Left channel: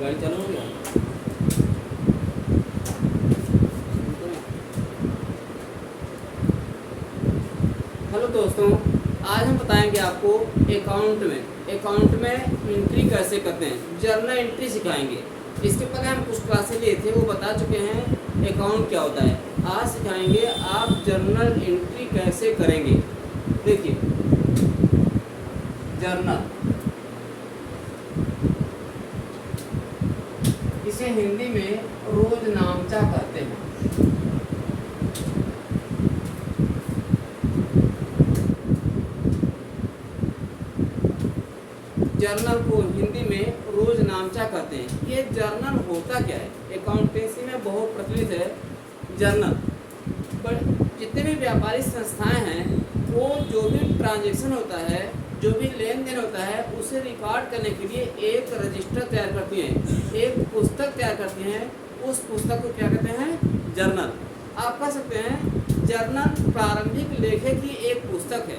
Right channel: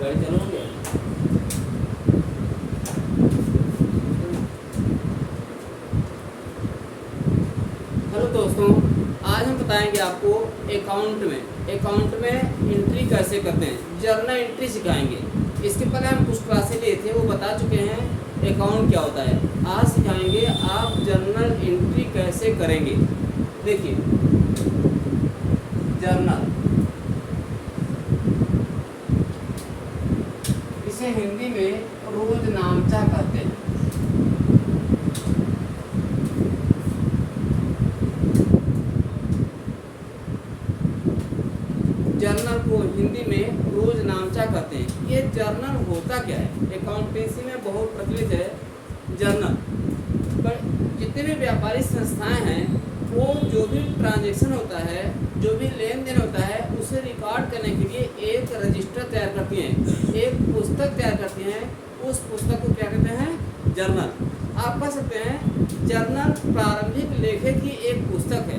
गाड़ी चलाओगे? हेलो दोस्तों, आज हम बताएंगे आपको अकाउंट में एंट्री कैसे करते हैं, जर्नल एंट्री सिखाएंगे। इसके पहले हम कुछ क्लासेस लिए थे, वो बता चुके हैं अकाउंट क्या होता है। आज सिखाएंगे आप जर्नल एंट्री कैसे करेंगे। देखिए, जर्नल, इसे हिंदी में रोजनामचा कहते हैं। जर्नल को हिंदी में रोजनामचा कहते हैं। ये जर्नल होता क्या है? अकाउंटेंसी में बहुत प्रचलित है जर्नल। पर जितने भी व्यापारिक संस्थाएं हैं, वो जो भी ट्रांजैक्शन होता है, जो भी लेन देन होता है, उसे रिकॉर्ड करने के लिए एक रजिस्टर तैयार करती हैं, एक पुस्तक तैयार करती हैं। उस पुस्तक को क्या कहते हैं? जर्नल। आप कह सकते हैं जर्नल प्रारंभिक लेखे की एक पुस्तक है।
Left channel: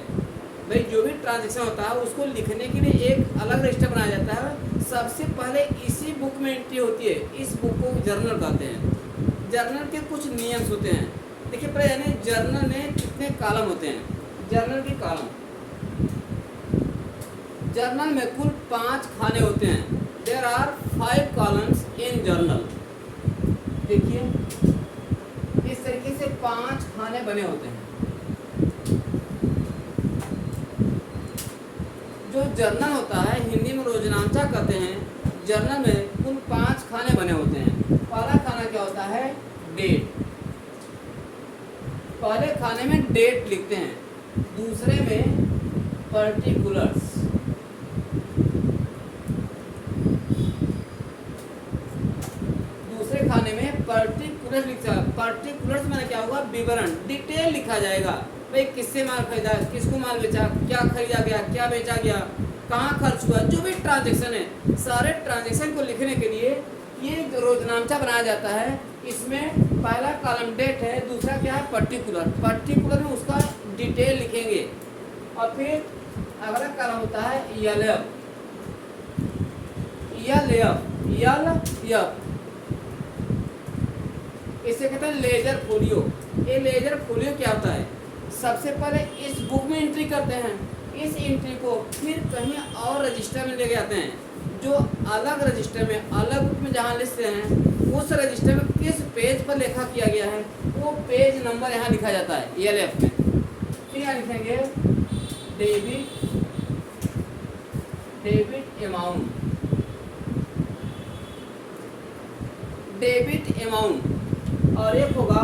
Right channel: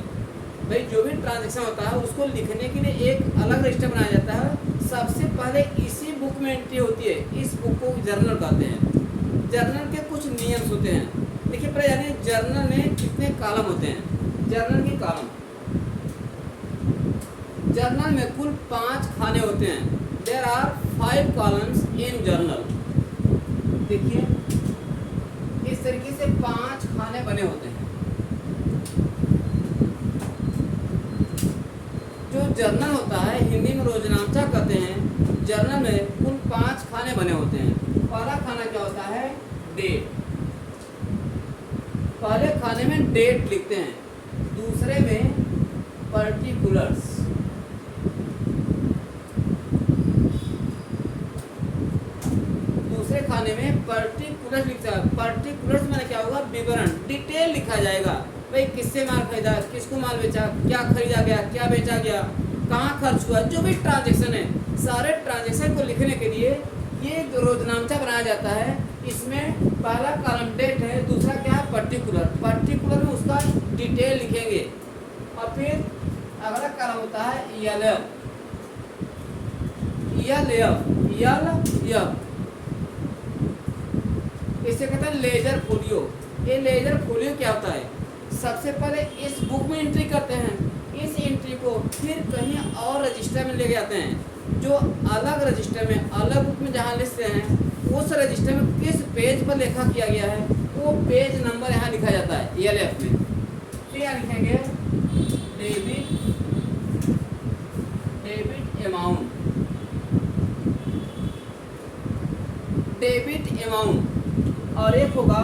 भाई, जो भी ट्रांजैक्शन होता है उसको लिखने के लिए एक अलग रजिस्टर बनाया जाता है। सबसे पहले इसी बुक में एंट्री होती है। इस बुक को जर्नल कहते हैं। जर्नल के कुछ नियम होते हैं। देखिए, पहले जानिए जर्नल में कितने कॉलम होते हैं। जर्नल के कॉलम, जर्नल में कुल 5 खाने होते हैं। There are 5 columns in journal. देखिए, इस तरीके से 5 खाने बने होते हैं। जो जर्नल होता है, हिंदी में रोजनामचा कहते हैं। जर्नल में कुल 5 खाने बने होते हैं। पहला खाना क्या होता है? डेट। पहले खाने में डेट लिखते हैं, दूसरे में पर्टिकुलर्स, दूसरे खाने में पर्टिकुलर्स लिखा है। पर्टिकुलर्स माने क्या होगा? विवरण, डिटेल लिखा जाएगा। भाई, किससे माल खरीदा, किसको माल बेचा, क्या खरीदा गया, क्या बेचा गया, कहाँ खर्च हुआ, जो भी ट्रांजैक्शन है, सारे ट्रांजैक्शन को लिखने के लिए ये रोजनामचा बनाया जाता है। इसमें पहला कॉलम डेट है, दूसरा क्या है? पर्टिकुलर। पर्टिकुलर में उसका डिटेल लिखेंगे। और फिर अगला कॉलम होता है एलएफ। इसे कहते हैं लेजर फोलियो। ये लेजर फोलियो क्या होता है? सबसे पहले इस बुक में एंट्री करते हैं। इस एंट्री को फिर कहीं और रजिस्टर में ले जाते हैं। जो अलग रजिस्टर में, अलग बुक में जहाँ लिखते हैं, उस रजिस्टर में किस पेज पर लेखा किया गया है, वो पेज नंबर यहाँ लिखा जाता है एलएफ में। फिर यहाँ लिखेंगे डेबिट अमाउंट, और एक होगा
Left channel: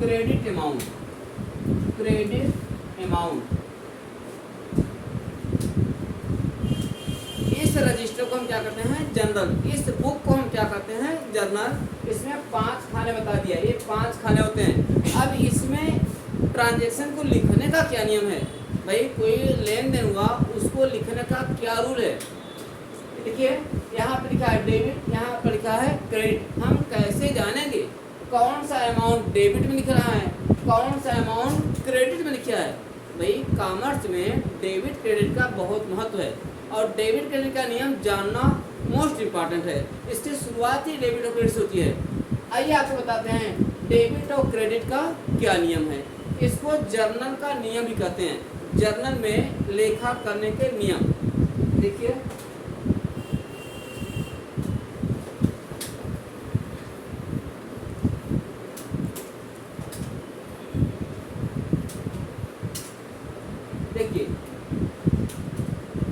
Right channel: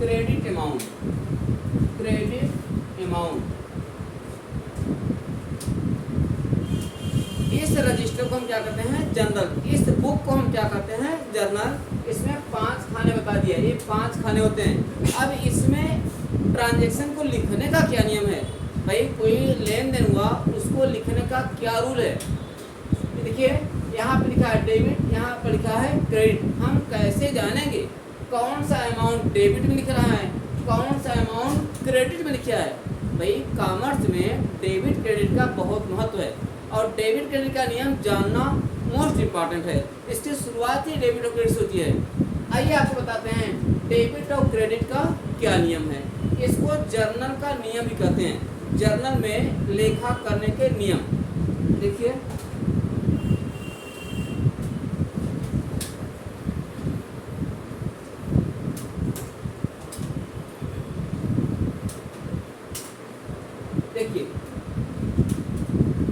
क्रेडिट अमाउंट। इस रजिस्टर को हम क्या करते हैं? जर्नल। इस बुक को हम क्या कहते हैं? जर्नल। इसमें 5 खाने बता दिया, ये 5 खाने होते हैं। अब इसमें ट्रांजैक्शन को लिखने का क्या नियम है? भाई, कोई लेन देन हुआ, उसको लिखने का क्या रूल है? देखिए, यहाँ पे लिखा है डेबिट, यहाँ पर लिखा है क्रेडिट। हम कैसे जानेंगे कौन सा अमाउंट डेबिट में लिख रहा है, कौन सा अमाउंट क्रेडिट में लिखा है? भाई, कॉमर्स में डेबिट क्रेडिट का बहुत महत्व है, और डेबिट क्रेडिट का नियम जानना मोस्ट इम्पॉर्टेंट है। इसकी शुरुआत ही डेबिट और क्रेडिट होती है। आइए आपको बताते हैं डेबिट और क्रेडिट का क्या नियम है। इसको जर्नल का नियम भी कहते हैं। जर्नल में लेखा करने के नियम देखिए,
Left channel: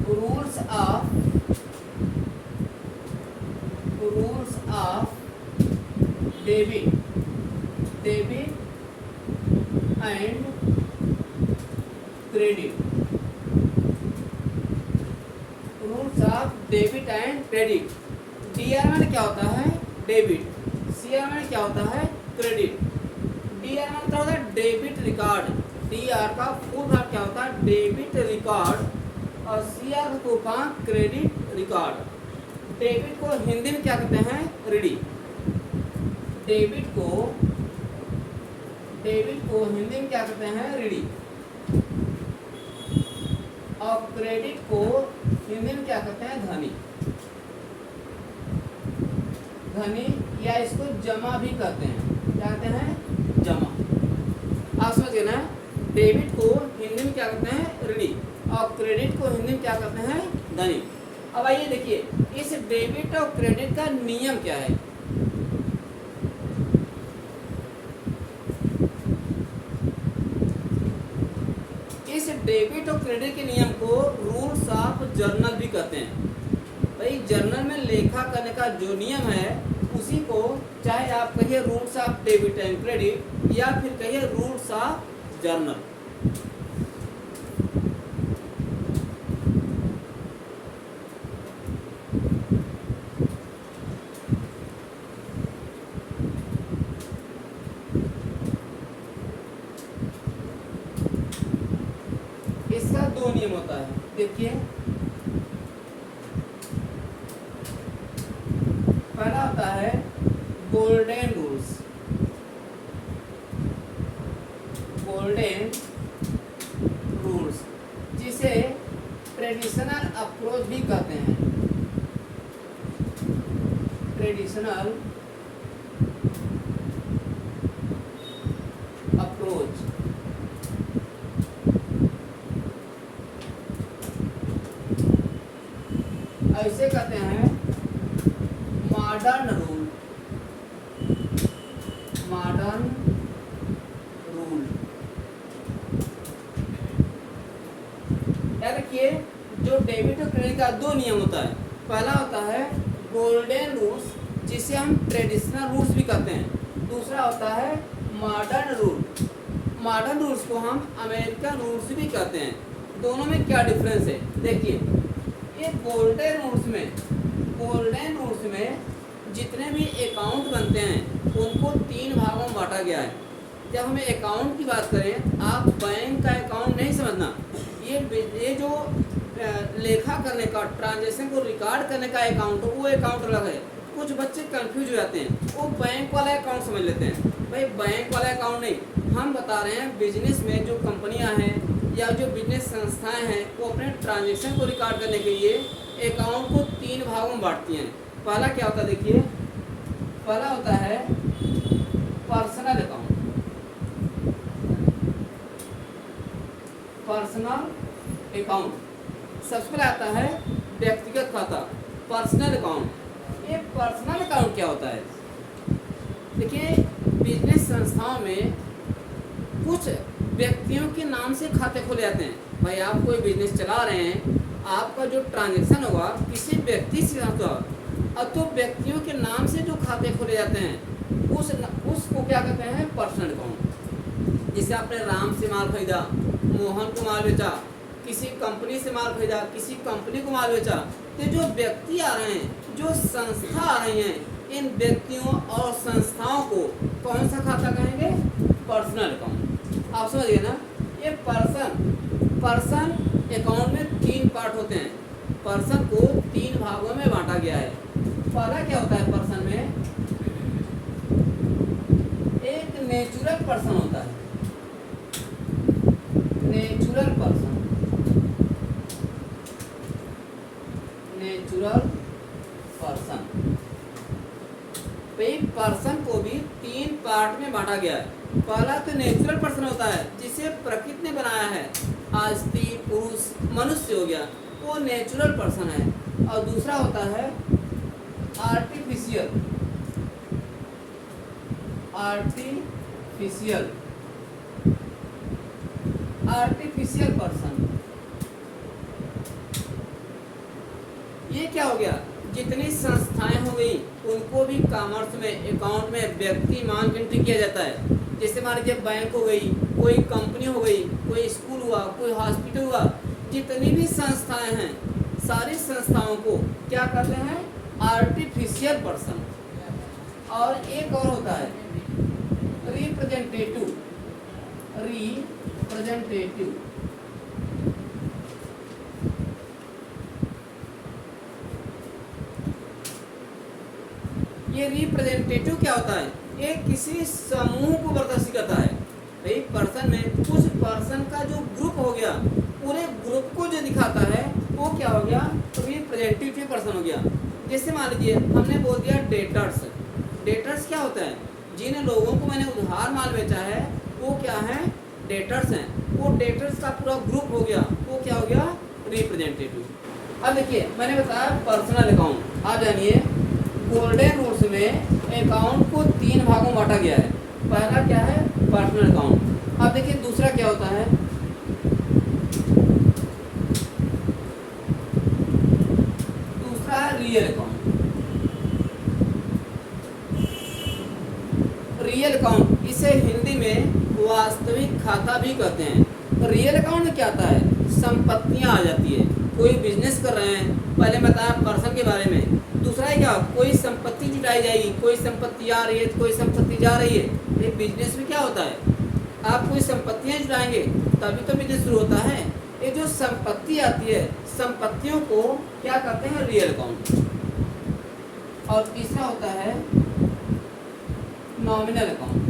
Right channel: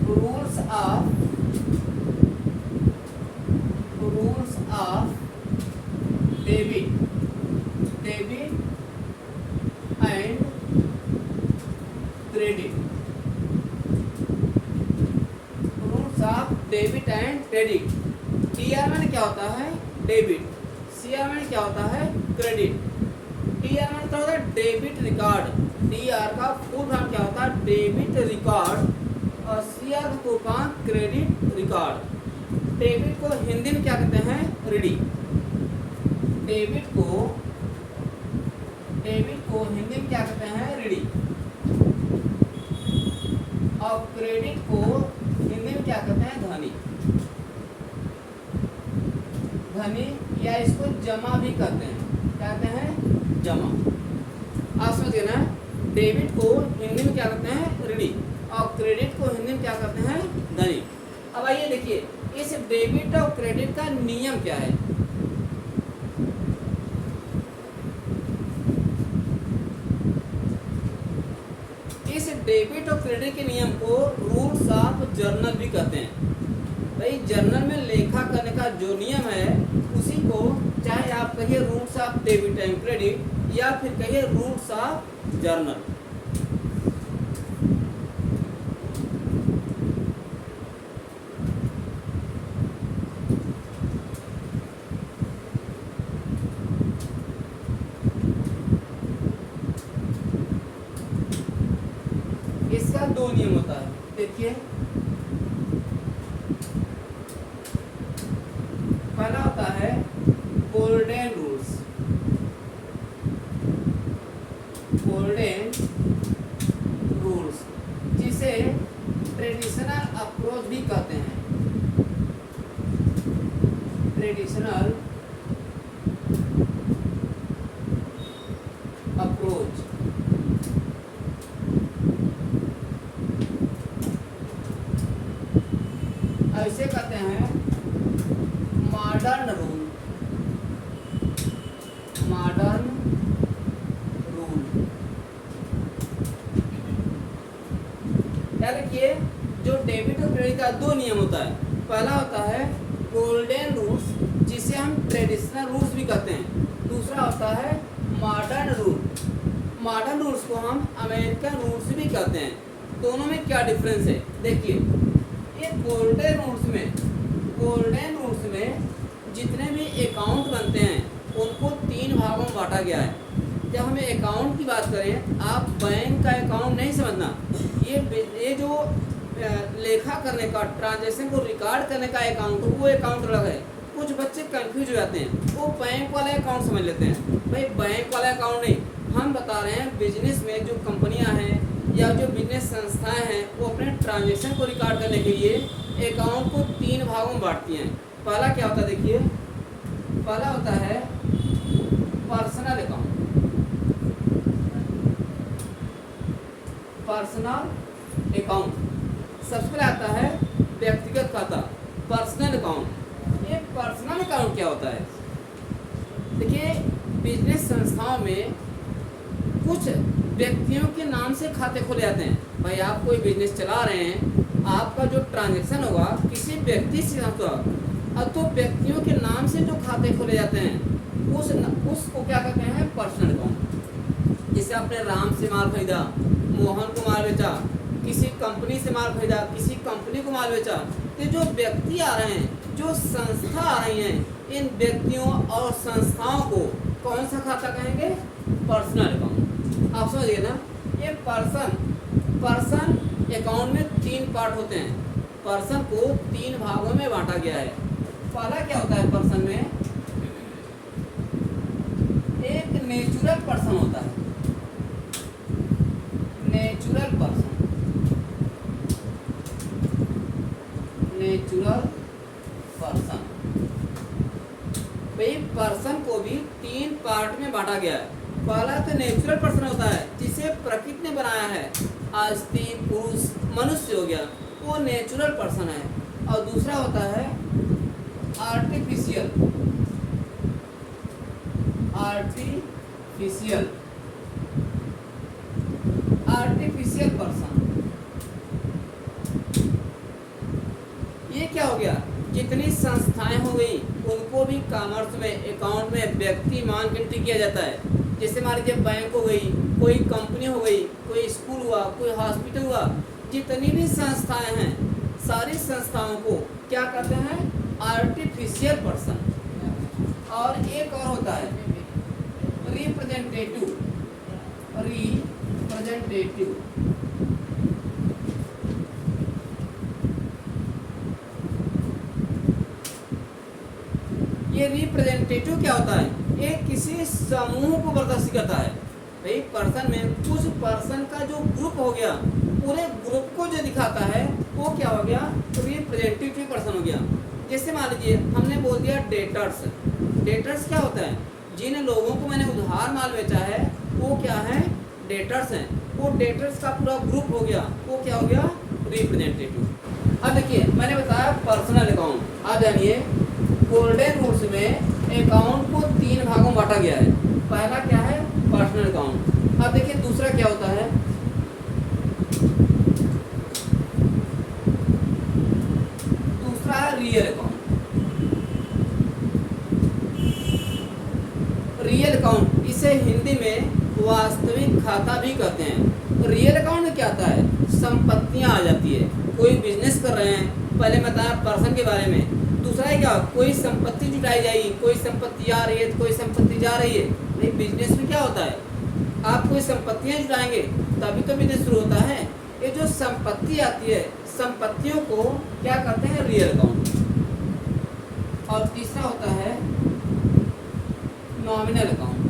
rules of debit and credit. Rules of debit and credit. DR में क्या होता है? डेबिट। सीआर में क्या होता है? क्रेडिट। डीआर में क्या होता है? Debit record. डीआर का फुल फॉर्म क्या होता है? Debit record. और सीआर का full form credit record. Debit को हिंदी में क्या कहते हैं? रीडी। डेबिट को हिंदी में क्या कहते हैं? रीडी। और क्रेडिट को हिंदी में क्या कहते हैं? धनी। धनी, या इसको जमा भी कहते हैं। क्या कहते हैं? जमा। आप समझ गए ना? डेबिट को हिंदी में क्या कहते हैं? ऋणी, और क्रेडिट को हिंदी में क्या कहते हैं? धनी। अब आइए देखिए, इस डेबिट और क्रेडिट का नियम क्या है। इस डेबिट और क्रेडिट के नियम को रूल्स ऑफ जर्नल भी कहते हैं। भाई जर्नल में लेखा करने का जो नियम है उसी को चाहे आप कहिए rules of debit and credit, या फिर कहिए रूल्स ऑफ जर्नल। इसका दो नियम होता है, देखिए। पहला होता है गोल्डन रूल्स, गोल्डन रूल्स, जिसे ट्रेडिशनल अप्रोच भी कहते हैं। Traditional approach. ऐसे कहते हैं मॉडर्न रूल, मॉडर्न रूल। याद रखिए, जो डेबिट और क्रेडिट का दो नियम होता है। पहला होता है गोल्डन रूल्स, जिसे हम ट्रेडिशनल रूल्स भी कहते हैं। दूसरा होता है मॉडर्न रूल। मॉडर्न रूल्स को हम अमेरिकन रूल्स भी कहते हैं। दोनों में क्या डिफरेंस है देखिए। ये गोल्डन रूल्स में जितने भी अकाउंट बनते हैं उनको 3 भागों में बांटा गया है। जब हमें अकाउंट की बात करें, आप बैंक का अकाउंट नहीं समझना। ये जो लेखा करने का, ट्रांजैक्शन को रिकॉर्ड करने का अकाउंट, वो अकाउंट अलग है। कुछ बच्चे कंफ्यूज हो जाते हैं, वो बैंक वाला अकाउंट समझ लेते हैं। भाई बैंक वाला अकाउंट नहीं, हम बता रहे हैं बिजनेस में जो कंपनियां हैं या जो बिजनेस संस्थाएं हैं, वो अपने ट्रांजैक्शन को रिकॉर्ड करने के लिए अकाउंट को 3 भागों में बांटती हैं। पहला क्या होता है देखिए, पहला होता है पर्सनल अकाउंट, पर्सनल अकाउंट। सबसे पहले आता है व्यक्तिगत खाता, पर्सनल अकाउंट। ये पर्सनल अकाउंट क्या होता है? देखिए, बिजनेस संस्थाओं में कुछ व्यक्तियों के नाम से खाते खोले जाते हैं। भाई आप कोई बिजनेस चला रहे हैं, आपका जो ट्रांजैक्शन होगा किसी व्यक्ति से होगा, अब तो व्यक्तियों के नाम से जो खाते खोले जाते हैं उसको क्या कहते हैं? Personal account. जैसे आपने राम से माल खरीदा, मोहन को माल बेचा, किसी कंपनी से माल खरीदा, किसी कंपनी को माल बेचा, तो जो व्यक्ति आ रहे हैं, जो संस्था आ रही हैं, इन व्यक्तियों और संस्थाओं को कौन सा खाता कहेंगे? Personal account. आप समझिए ना? ये पर्सन अकाउंट में 3 पार्ट होते हैं। पर्सन को 3 भागों में बांटा गया है। पहला क्या होता है पर्सन में? एक नेचुरल पर्सन होता है, नेचुरल पर्सन, नेचुरल पर्सन। भाई पर्सन को भी 3 पार्ट में बांटा गया है। पहला तो नेचुरल पर्सन होता है, जिसे प्रकृति ने बनाया है, स्त्री पुरुष मनुष्य हो गया, वो नेचुरल पर्सन है। और दूसरा होता है आर्टिफिशियल, आर्टिफिशियल, आर्टिफिशियल पर्सन। ये क्या हो गया? जितनी संस्थाएं हो गई उनको भी कॉमर्स में अकाउंट में व्यक्ति मान के एंट्री किया जाता है। जैसे मान लीजिए बैंक हो गई, कोई कंपनी हो गई, कोई स्कूल हुआ, कोई हॉस्पिटल हुआ, जितनी भी संस्थाएं हैं सारी संस्थाओं को क्या कहते हैं? Artificial person. और एक और होता है रिप्रेजेंटेटिव, रिप्रेजेंटेटिव। ये रिप्रेजेंटेटिव क्या होता है? ये किसी समूह को प्रदर्शित करता है। भाई पर्सन में कुछ पर्सन का जो ग्रुप हो गया, पूरे ग्रुप को जो दिखाता है वो क्या हो गया? रिप्रेजेंटेटिव पर्सन हो गया। जैसे मान लीजिए हमने बोल दिया डेटर्स। डेटर्स क्या होता है? जिन लोगों को मैंने उधार माल बेचा है वो क्या है? डेटर्स हैं। वो डेटर्स का पूरा ग्रुप हो गया, वो क्या हो गया? रिप्रेजेंटेटिव। अब देखिए मैंने बताया पर्सनल अकाउंट। आप जानिए गोल्डन रूल्स में अकाउंट को 3 भागों में बांटा गया है। पहला क्या है? Personal account. अब देखिए दूसरा क्या होता है? दूसरा है रियल अकाउंट। रियल अकाउंट इसे हिंदी में वास्तविक खाता भी कहते हैं। रियल अकाउंट में क्या आता है? संपत्तियां आ जाती है। कोई बिजनेस कर रहे हैं, पहले बताया पर्सन के बारे में। दूसरा है क्या? कोई संपत्ति जुटाई जाएगी, कोई संपत्ति आ रही है तो कोई संपत्ति जा रही है। ये बिजनेस में क्या होता है? आप कोई संपत्तियां जुटाएंगे तभी तो बिजनेस शुरू होता है। ये जो संपत्ति आती है, संपत्तियों को क्या कहते हैं? Real account. और तीसरा होता है नॉमिनल अकाउंट।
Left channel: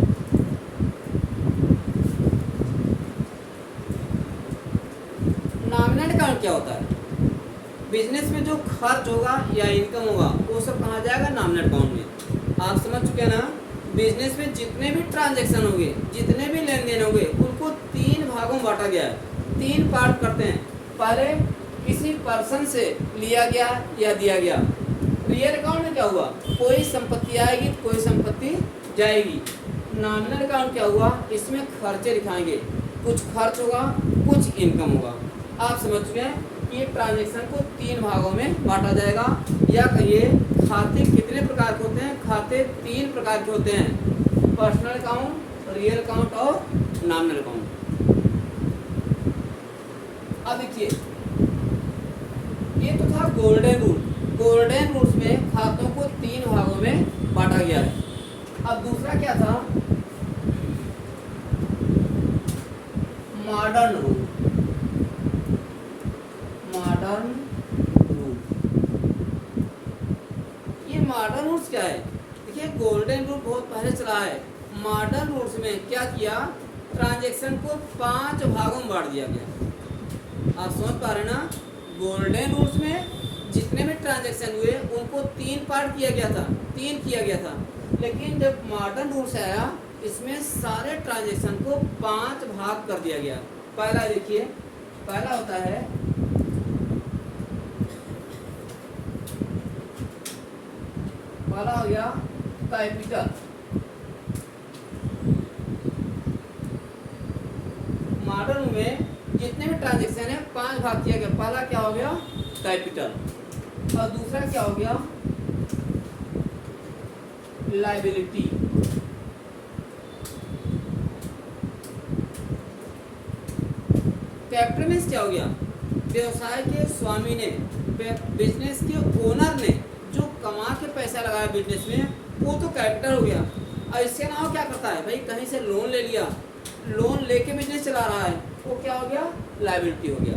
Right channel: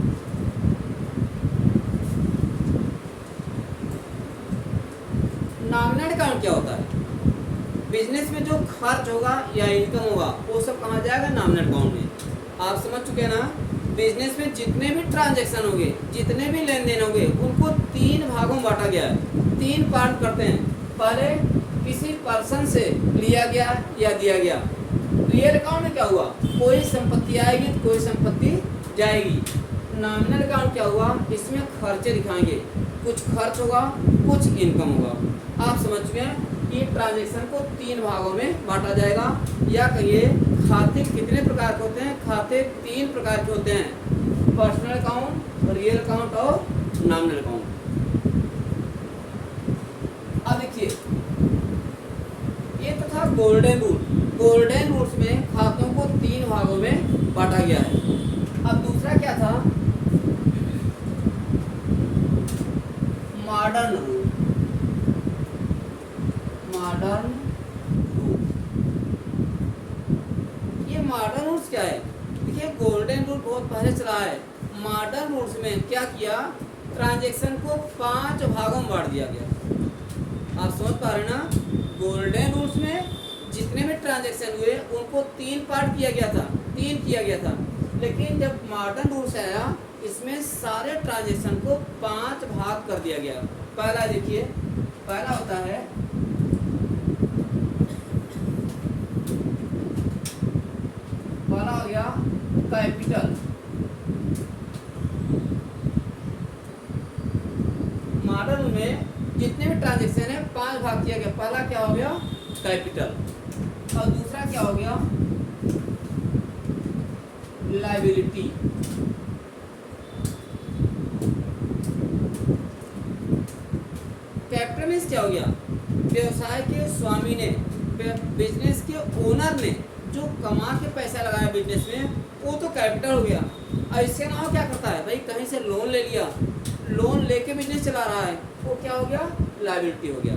नॉमिनल अकाउंट क्या होता है? बिजनेस में जो खर्च होगा या इनकम होगा वो सब कहाँ जाएगा? नॉमिनल अकाउंट में। आप समझ चुके हैं ना? बिजनेस में जितने भी ट्रांजैक्शन होंगे, जितने भी लेन देन होंगे, उनको 3 भागों में बांटा गया है। 3 पार्ट करते हैं। पहले किसी पर्सन से लिया गया या दिया गया। रियल अकाउंट में क्या हुआ? कोई संपत्ति आएगी तो कोई संपत्ति जाएगी। नॉमिनल अकाउंट क्या हुआ? इसमें खर्चे दिखाएंगे, कुछ खर्च होगा कुछ इनकम होगा। आप समझ चुके हैं? ये ट्रांजैक्शन को 3 भागों में बांटा जाएगा। या कहिए खाते कितने प्रकार के होते हैं? खाते 3 प्रकार के होते हैं, पर्सनल अकाउंट, रियल अकाउंट और नॉमिनल अकाउंट। अब देखिए ये तो था गोल्डन रूल। गोल्डन रूल्स में खातों को 3 भागों में बांटा गया है। अब दूसरा क्या था? Modern rule. मॉडर्न रूल, ये मॉडर्न रूल्स क्या है? देखिए गोल्डन रूल बहुत पहले चला है। मॉडर्न रूल्स में क्या किया? ट्रांजैक्शन को 5 भागों में बांट दिया गया। आप समझ पा रहे ना? गोल्डन रूल्स में जितने भी ट्रांजैक्शन हुए उनको 3 पार्ट किया गया था, 3 किया गया था। लेकिन जब मॉडर्न रूल्स आया इसमें सारे ट्रांजैक्शन को 5 भाग कर दिया गया। पहला देखिए, पहला होता है पहला हो गया कैपिटल। मॉडर्न में जितने भी ट्रांजैक्शन है 5 भाग किया गया। पहला क्या हो गया? कैपिटल। और दूसरा क्या हो गया? लायबिलिटी। कैपिटल मीन्स क्या हो गया? व्यवसाय के स्वामी ने, बिजनेस के ओनर ने जो कमा के पैसा लगाया बिजनेस में, वो तो कैपिटल हो गया। और इसके अलावा क्या करता है भाई? कहीं से लोन ले लिया, लोन लेके बिजनेस चला रहा है, वो क्या हो गया? लायबिलिटी हो गया।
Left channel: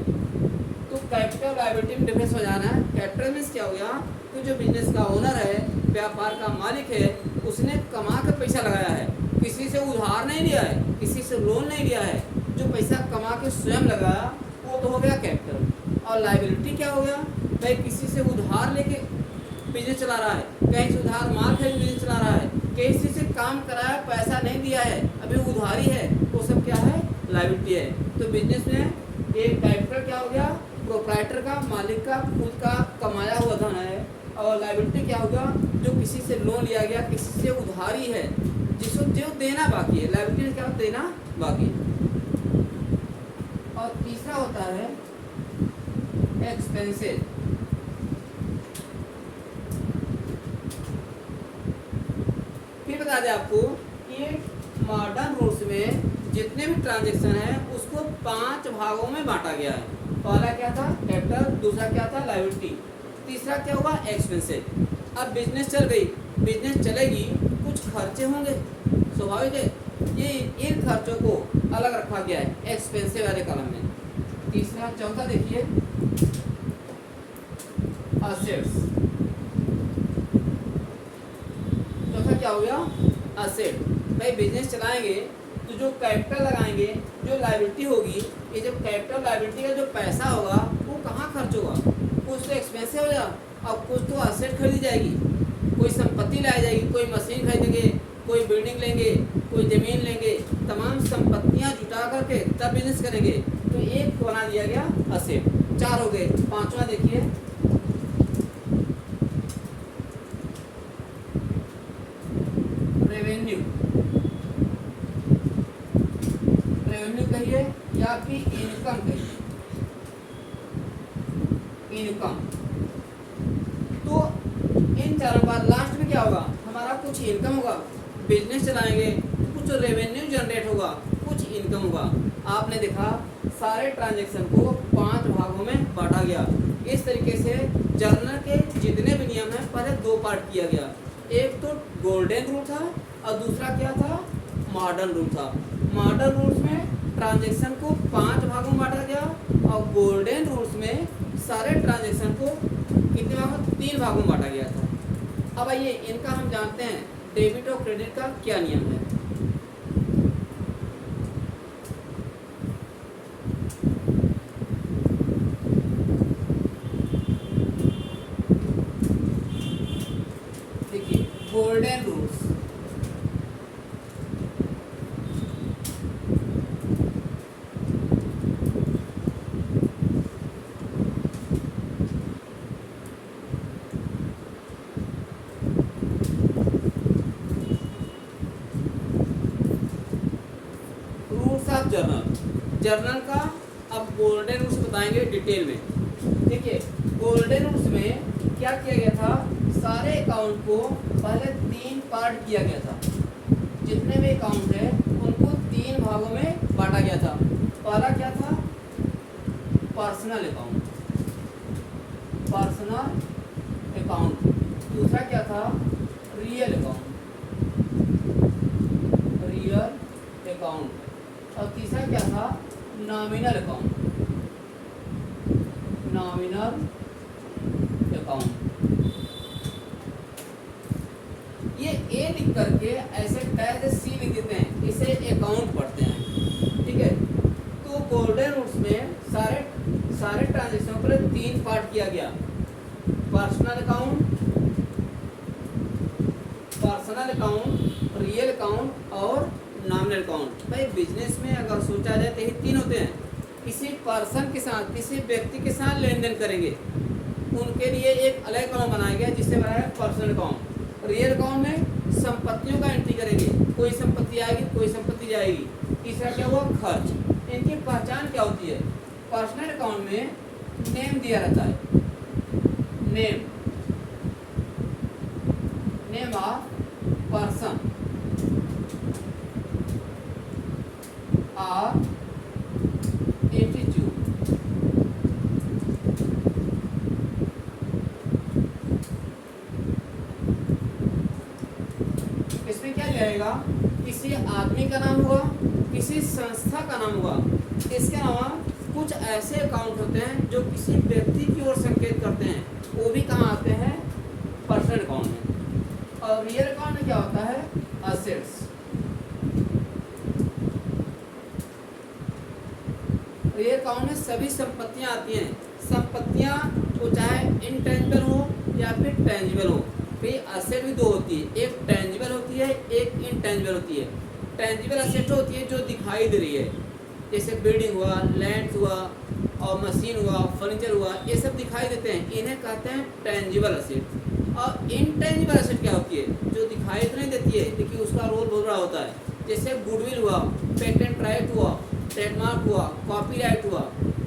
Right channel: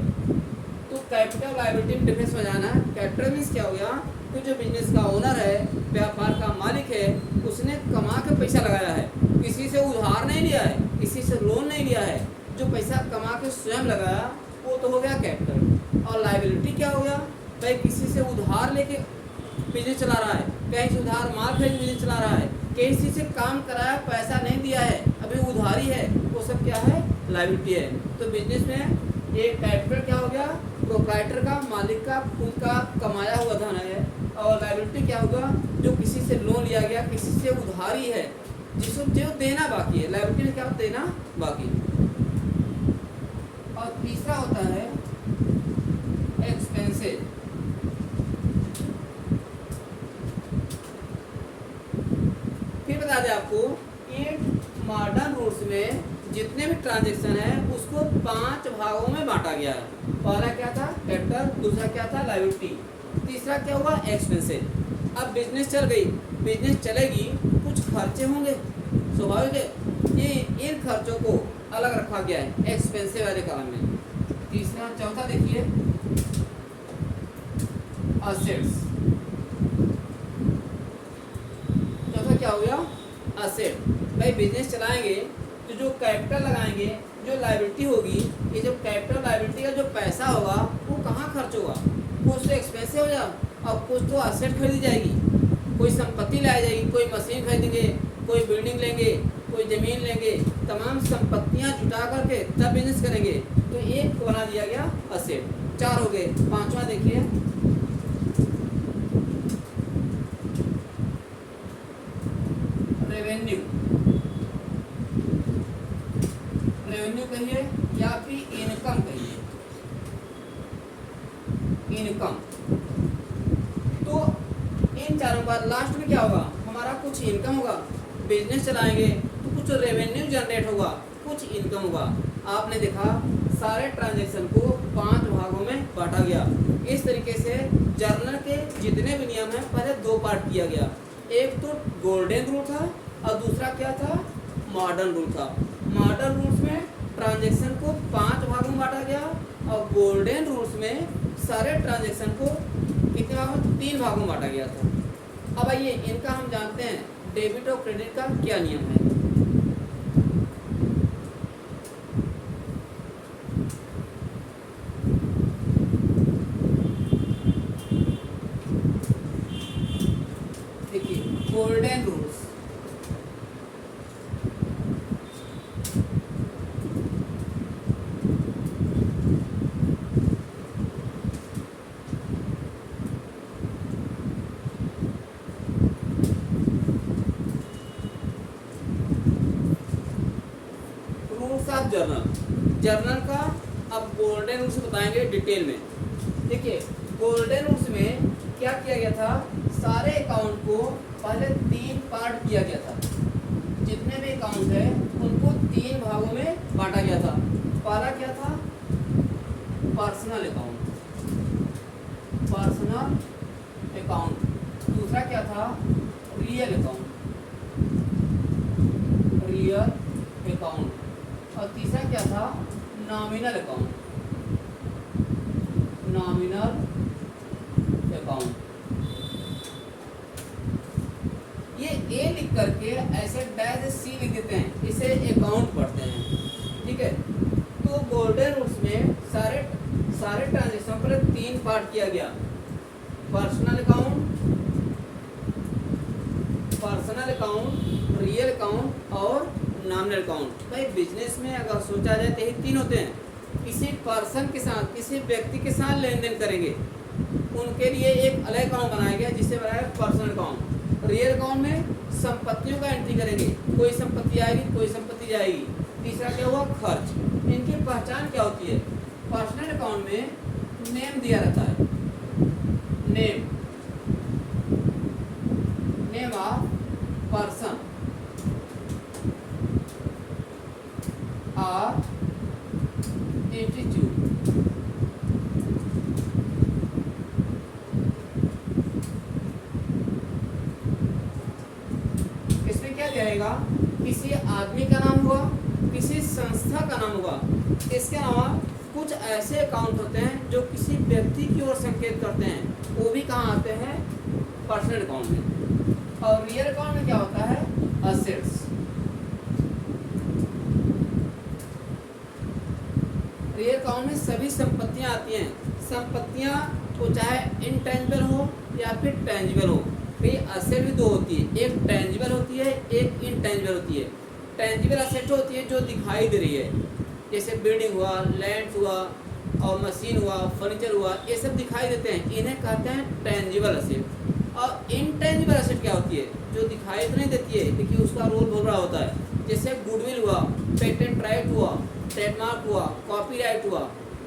तो कैपिटल लायबिलिटी में डिफरेंस हो जाना है। कैपिटल मीन्स क्या हो गया? तो जो बिजनेस का ओनर है, व्यापार का मालिक है, उसने कमा के पैसा लगाया है, किसी से उधार नहीं लिया है, किसी से लोन नहीं लिया है, जो पैसा कमा के स्वयं लगाया वो तो हो गया कैपिटल। और लायबिलिटी क्या हो गया? भाई किसी से उधार लेके बिजनेस चला रहा है, कहीं से उधार माल खरीद बिजनेस चला रहा है, किसी से काम कराया पैसा नहीं दिया है, अभी उधारी है, वो सब क्या है? लायबिलिटी है। तो बिजनेस में एक कैपिटल क्या हो गया? प्रोप्राइटर का, मालिक का, खुद का कमाया हुआ धन है। और लायबिलिटी क्या होगा? जो किसी से लोन लिया गया, किसी से उधारी है, जिसको जो देना बाकी है। लायबिलिटी में क्या होता है? देना बाकी। और तीसरा होता है एक्सपेंसेस। फिर बता दें आपको कि मॉडर्न रूल्स में जितने भी ट्रांजैक्शन है उसको 5 भागों में बांटा गया है। पहला क्या था? कैपिटल। दूसरा क्या था? लायबिलिटी। तीसरा क्या हुआ? एक्सपेंसेस। अब बिजनेस चल गई, बिजनेस चलेगी, कुछ खर्चे होंगे, स्वाभाविक है। ये इन खर्चों को अलग रखा गया है एक्सपेंसिव वाले कॉलम में। तीसरा, चौथा देखिए असेट्स। चौथा क्या हो गया? असेट। भाई बिजनेस चलाएंगे तो जो कैपिटल लगाएंगे, जो लायबिलिटी होगी, ये जो कैपिटल लायबिलिटी का जो पैसा होगा वो कहाँ खर्च होगा? वो उससे एक्सपेंसिव हो जाएगा। अब कुछ तो असेट खरीदी जाएगी, कोई संपत्ति लाई जाएगी, कोई मशीन खरीदेंगे, कोई बिल्डिंग लेंगे, कोई ज़मीन लेंगे, तमाम संपत्तियां जुटा करके तब बिजनेस करेंगे। तो एक बना दिया गया असेट। 4 हो गए। 5वां देखिए, रेवेन्यू। रेवेन्यू कहिए या फिर इनकम कहिए, इनकम। तो इन चारों का लास्ट में क्या होगा, हमारा कुछ इनकम होगा, बिजनेस चलाएंगे तो कुछ रेवेन्यू जनरेट होगा, कुछ इनकम होगा। आपने देखा सारे ट्रांजैक्शन को 5 भागों में बांटा गया। इस तरीके से जर्नल के जितने भी नियम हैं पहले 2 पार्ट किया गया। एक तो गोल्डन रूल था और दूसरा क्या था, मॉडर्न रूल था। मॉडर्न रूल्स में ट्रांजैक्शन को 5 भागों में बांटा गया और गोल्डन रूल्स में सारे ट्रांजैक्शन को कितने भागों, 3 भागों में बांटा गया था। अब आइए इनका हम जानते हैं डेबिट और क्रेडिट का क्या नियम है। देखिए golden rules, rules of journal. Journal का अब गोल्डन रूल्स बताएंगे डिटेल में। देखिए गोल्डन रूल्स में क्या किया गया था, सारे अकाउंट को पहले 3 पार्ट किया गया था। जितने भी अकाउंट है उनको 3 भागों में बांटा गया था। पहला क्या था, पर्सनल अकाउंट, पर्सनल अकाउंट। दूसरा क्या था, रियल अकाउंट, रियल अकाउंट। और तीसरा क्या था, नॉमिनल अकाउंट, नॉमिनल अकाउंट। ये ए लिख करके ऐसे कैसे सी लिख देते हैं, इसे अकाउंट पढ़ते हैं, ठीक है। तो गोल्डन रूल्स में सारे ट्रांजेक्शन पर 3 पार्ट किया गया, पर्सनल अकाउंट, रियल अकाउंट और नॉमिनल अकाउंट। भाई बिजनेस में अगर सोचा जाए तो ये 3 होते हैं। किसी पर्सन के साथ, किसी व्यक्ति के साथ लेन देन करेंगे, उनके लिए एक अलग अकाउंट बनाया गया जिसे बनाया पर्सनल अकाउंट। रियल अकाउंट में संपत्तियों का एंट्री करेंगे, कोई संपत्ति आएगी, कोई संपत्ति जाएगी। तीसरा क्या हुआ, खर्च। इनकी पहचान क्या होती है, पर्सनल अकाउंट में नेम दिया रहता है, नेम ऑफ पर्सन और एटीट्यूड। इसमें क्या जाएगा, किसी आदमी का नाम हुआ, किसी संस्था का नाम हुआ। इसके अलावा कुछ ऐसे अकाउंट होते हैं जो किसी व्यक्ति की ओर संकेत करते हैं, वो भी कहाँ आते हैं, पर्सनल अकाउंट में। और रियल अकाउंट में क्या होता है, असेट्स। रियल अकाउंट में सभी संपत्तियां आती हैं। संपत्तियां तो चाहे इनटेंजिबल हो या फिर टेंजिबल हो। फिर असेट भी 2 होती है, एक टेंजिबल होती है, एक इनटेंजिबल होती है। टेंजिबल असेट होती है जो दिखाई दे रही है, जैसे बिल्डिंग हुआ, लैंड हुआ और मशीन हुआ, फर्नीचर हुआ, ये सब दिखाई देते हैं, इन्हें कहते हैं टेंजिबल असेट। और इनटेंजिबल असेट क्या होती है, जो दिखाई तो नहीं देती है, देखिए उसका रोल बहुत बड़ा होता है। जैसे गुडविल हुआ, पेटेंट राइट हुआ, ट्रेडमार्क हुआ, कॉपीराइट हुआ।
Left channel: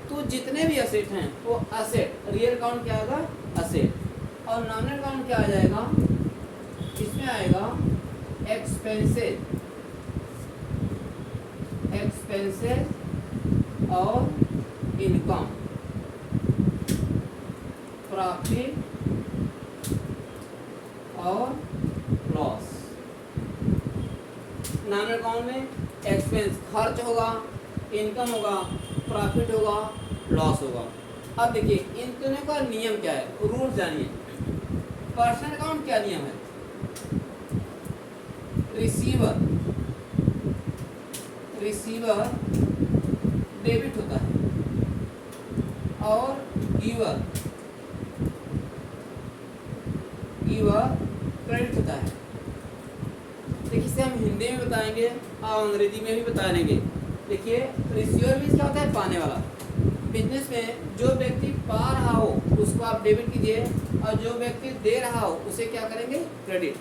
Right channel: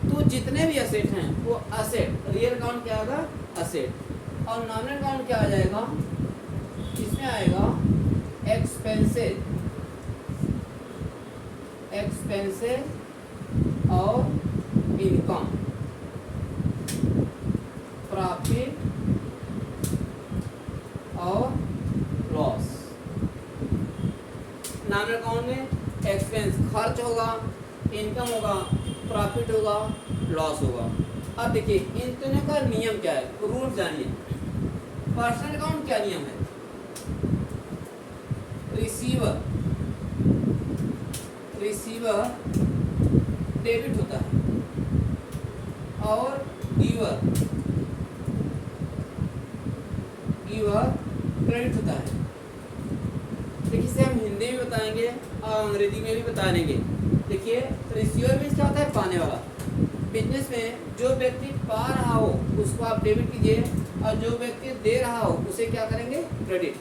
तो जितने भी असेट हैं वो असेट, रियल अकाउंट क्या आएगा, असेट। और नॉमिनल अकाउंट क्या आ जाएगा, इसमें आएगा एक्सपेंसेस, और इनकम, प्रॉफिट और लॉस। नॉमिनल अकाउंट में एक्सपेंस खर्च होगा, इनकम होगा, प्रॉफिट होगा, लॉस होगा। अब देखिए इन तीनों का नियम क्या है, रूल जानिए। पर्सनल अकाउंट क्या नियम है, रिसीवर डेबिट होता है और गिवर कि वह क्रेडिट होता है। देखिए इसे हम हिंदी में बताएंगे और अंग्रेजी में भी बता देंगे। देखिए रिसीवर मीन्स क्या होता है, पाने वाला। बिजनेस में जो व्यक्ति पा रहा हो उसको आप डेबिट कीजिए और जो व्यक्ति दे रहा हो उसे क्या करेंगे, क्रेडिट।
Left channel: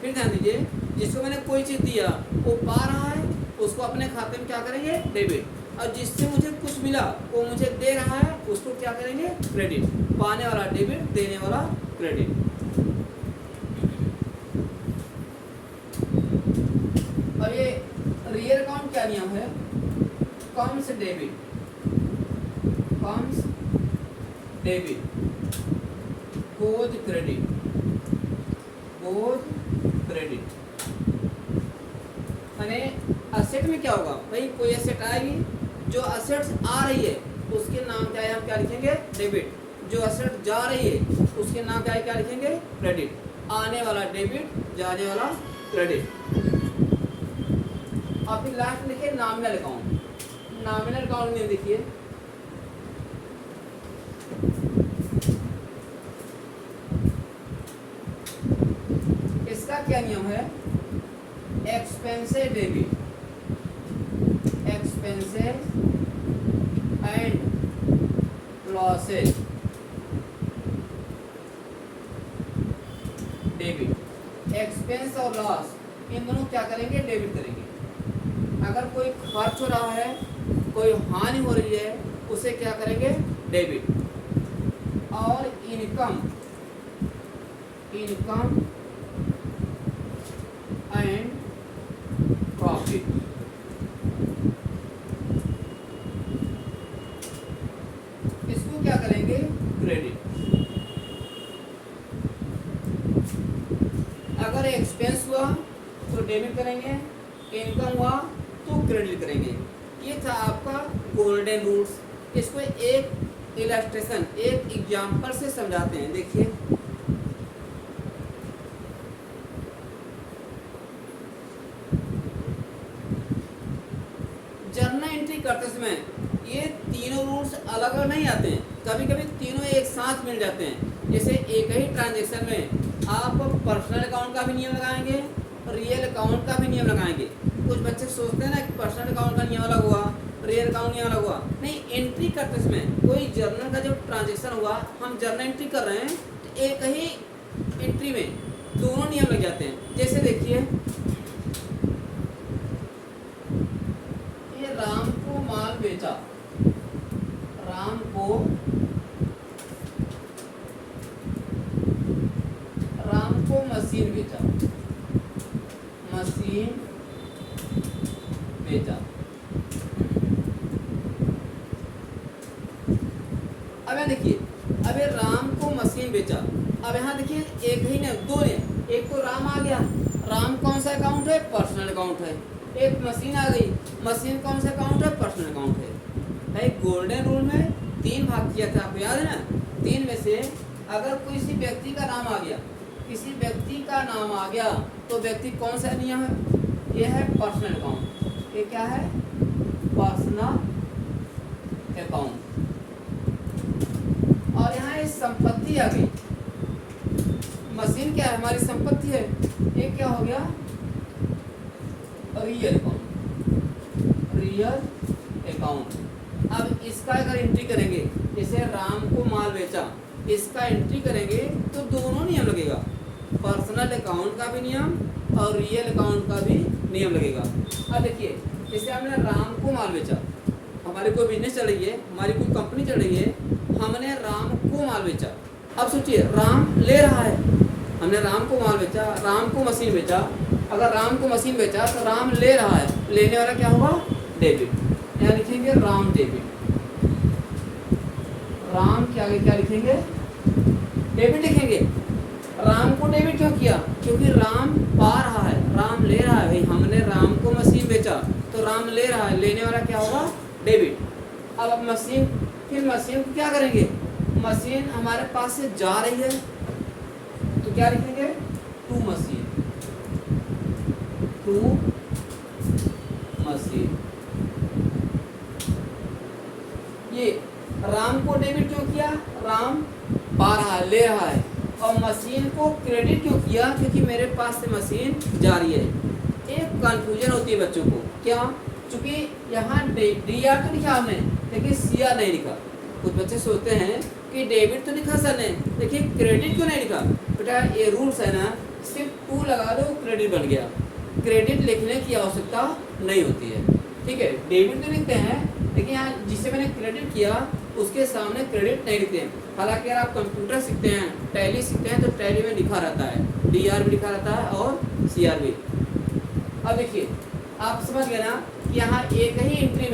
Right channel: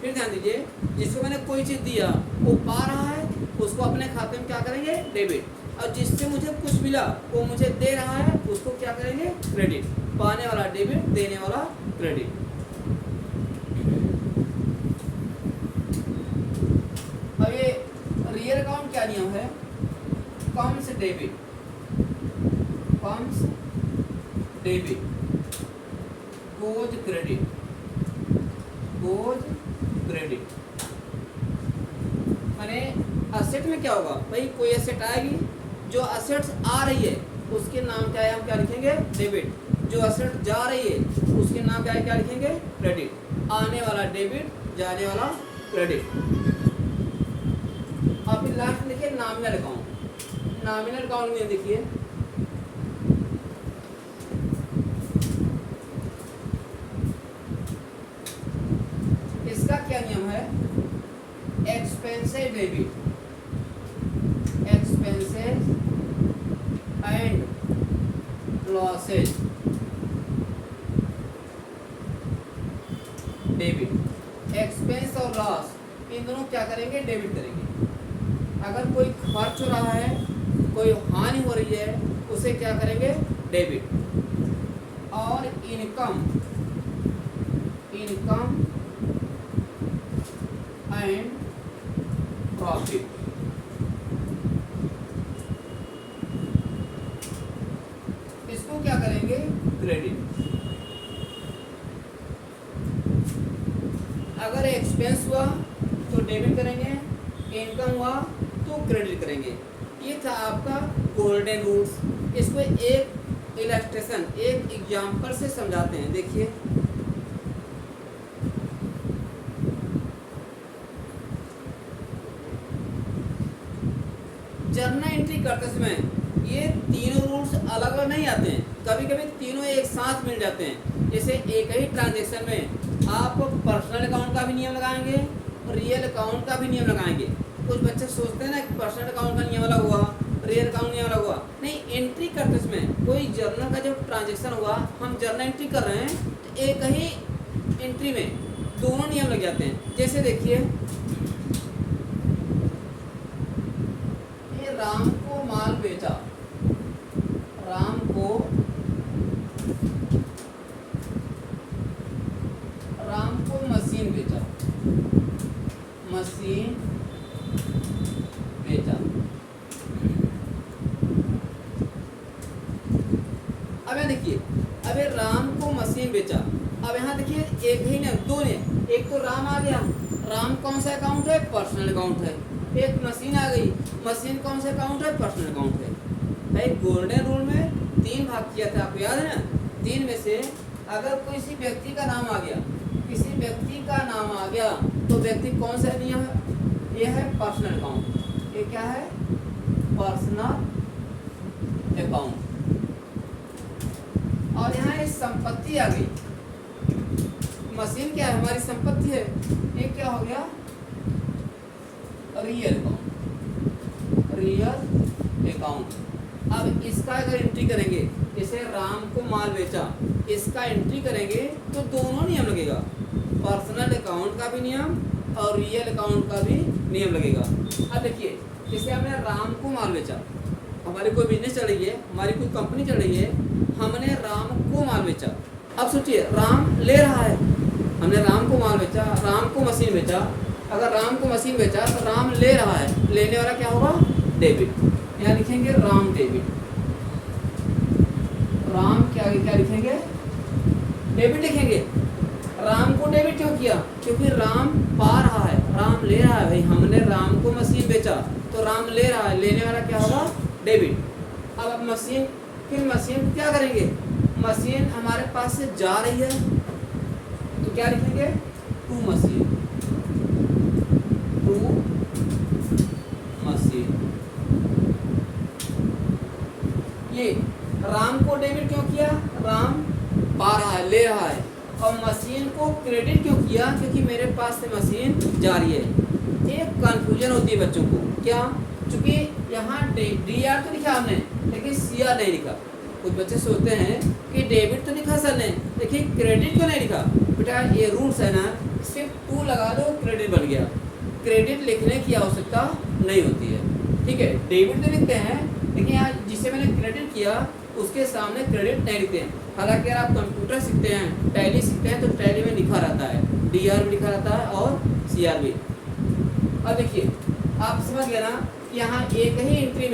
फिर ध्यान दीजिए, जिसको मैंने कोई चीज़ दिया वो पा रहा है, उसको अपने खाते में क्या करेंगे, डेबिट। और जिससे मुझे कुछ मिला वो मुझे दे रहा है, उसको क्या करेंगे, क्रेडिट। पाने वाला डेबिट, देने वाला क्रेडिट। अब ये रियल अकाउंट क्या नियम है, comes debit, comes debit, goes credit, goes credit. माने असेट में क्या होगा भाई, कोई असेट आएगी, जो असेट्स आ रही है उसके नाम क्या है, हम क्या लिखेंगे, डेबिट। जो असेट जा रही है उसके नाम क्या है, क्या लिखेंगे, क्रेडिट। आने वाला डेबिट, जाने वाला क्रेडिट। और फिर लास्ट में देखिए नॉमिनल अकाउंट। नॉमिनल अकाउंट में देखिए इसका क्या नियम है, expenses debit, expenses and losses debit. Expense और लॉस इन दोनों क्या करेंगे, डेबिट करेंगे। अगर कोई खर्च हो रहा है, कोई हानि हो रही है, उसे क्या करेंगे, डेबिट। और इनकम, इनकम एंड प्रॉफिट, इसको क्या करेंगे, क्रेडिट। अगर एक्सपेंस हुआ तो डेबिट करेंगे, इनकम हुआ तो क्रेडिट करेंगे। ये था आपका गोल्डन रूल्स। इसको एक इलस्ट्रेशन, एक एग्जाम्पल से समझाते हैं। देखिए जर्नल एंट्री करते समय ये तीनों रूल्स अलग अलग नहीं आते हैं, कभी कभी तीनों एक साथ मिल जाते हैं। जैसे एक ही ट्रांजैक्शन में आप पर्सनल अकाउंट का भी नियम लगाएंगे और रियल अकाउंट का भी नियम लगाएंगे। कुछ बच्चे सोचते हैं ना कि पर्सनल अकाउंट का नियम अलग हुआ, रियल अकाउंट नियम अलग हुआ। नहीं, एंट्री करते समय कोई जर्नल का जब ट्रांजैक्शन हुआ, हम जर्नल एंट्री कर रहे हैं तो एक ही एंट्री में दोनों नियम लग जाते हैं। जैसे देखिए राम को माल बेचा, राम को मशीन बेचा, मशीन बेचा। अब यहाँ देखिए, अब ये राम को मशीन बेचा। अब यहाँ देखिए एक ही नहीं, दो ने, एक तो राम आ गया, राम कौन सा अकाउंट है, पर्सनल अकाउंट है। एक मशीन आ गई, मशीन कौन सा अकाउंट है, पर्सनल अकाउंट है। भाई गोल्डन रूल में 3 भाग किया था, आपको याद है ना। 3 में से अगर किसी व्यक्ति का नाम आ गया, किसी व्यक्ति का नाम आ गया तो व्यक्ति कौन सा नियम है, यह है पर्सनल अकाउंट। ये क्या है, पर्सनल अकाउंट। और यहाँ ये संपत्ति आ गई, मशीन क्या है, हमारी संपत्ति है। ये क्या हो गया, रियल अकाउंट, रियल अकाउंट। अब इसका अगर एंट्री करेंगे, जैसे राम को माल बेचा, इसका एंट्री करेंगे तो दोनों नियम लगेगा, पर्सनल अकाउंट का भी नियम और रियल अकाउंट का भी नियम लगेगा। अब देखिए जैसे हमने राम को माल बेचा, हमारी कोई बिजनेस चल रही है, हमारी कोई कंपनी चल रही है, हमने राम को माल बेचा। अब सोचिए राम ले रहा है, हमने राम को माल बेचा, राम को मशीन बेचा। अगर राम को मशीन बेचा तो राम ले रहा है, लेने वाला क्या होगा, डेबिट। यहाँ लिखेंगे राम डेबिट, राम क्या लिखेंगे, डेबिट लिखेंगे। राम को डेबिट क्यों किया, क्योंकि राम पा रहा है, राम ले रहा है। भाई हमने राम को मशीन बेचा तो राम ले रहा है, लेने वाला क्या होगा, डेबिट। अब मशीन, फिर मशीन को क्या करेंगे, मशीन हमारे पास से जा रही है तो क्या लिखेंगे, टू मशीन, टू मशीन। ये राम को डेबिट क्यों किया, राम पा रहा है, ले रहा है, और मशीन को क्रेडिट क्यों किया, क्योंकि मेरे पास से मशीन जा रही है। एक कंफ्यूजन होती है बच्चों को, क्या, क्योंकि यहाँ डी आर तो लिखा हमने लेकिन सी आर नहीं लिखा। कुछ बच्चे सोचते हैं कि डेबिट तो लिखा सर ने, देखिए क्रेडिट क्यों नहीं लिखा। बेटा ये रूल्स है ना, सिर्फ 2 लगा दो क्रेडिट बन गया, क्रेडिट लिखने की आवश्यकता नहीं होती है। ठीक है, डेबिट तो लिखते हैं लेकिन यहाँ जिसे मैंने क्रेडिट किया उसके सामने क्रेडिट नहीं लिखते हैं। हालांकि अगर आप कंप्यूटर सीखते हैं, टैली सीखते हैं, तो टैली में लिखा रहता है, डी आर भी लिखा रहता है और सी आर भी। अब देखिए आप समझ गए ना, यहाँ एक ही एंट्री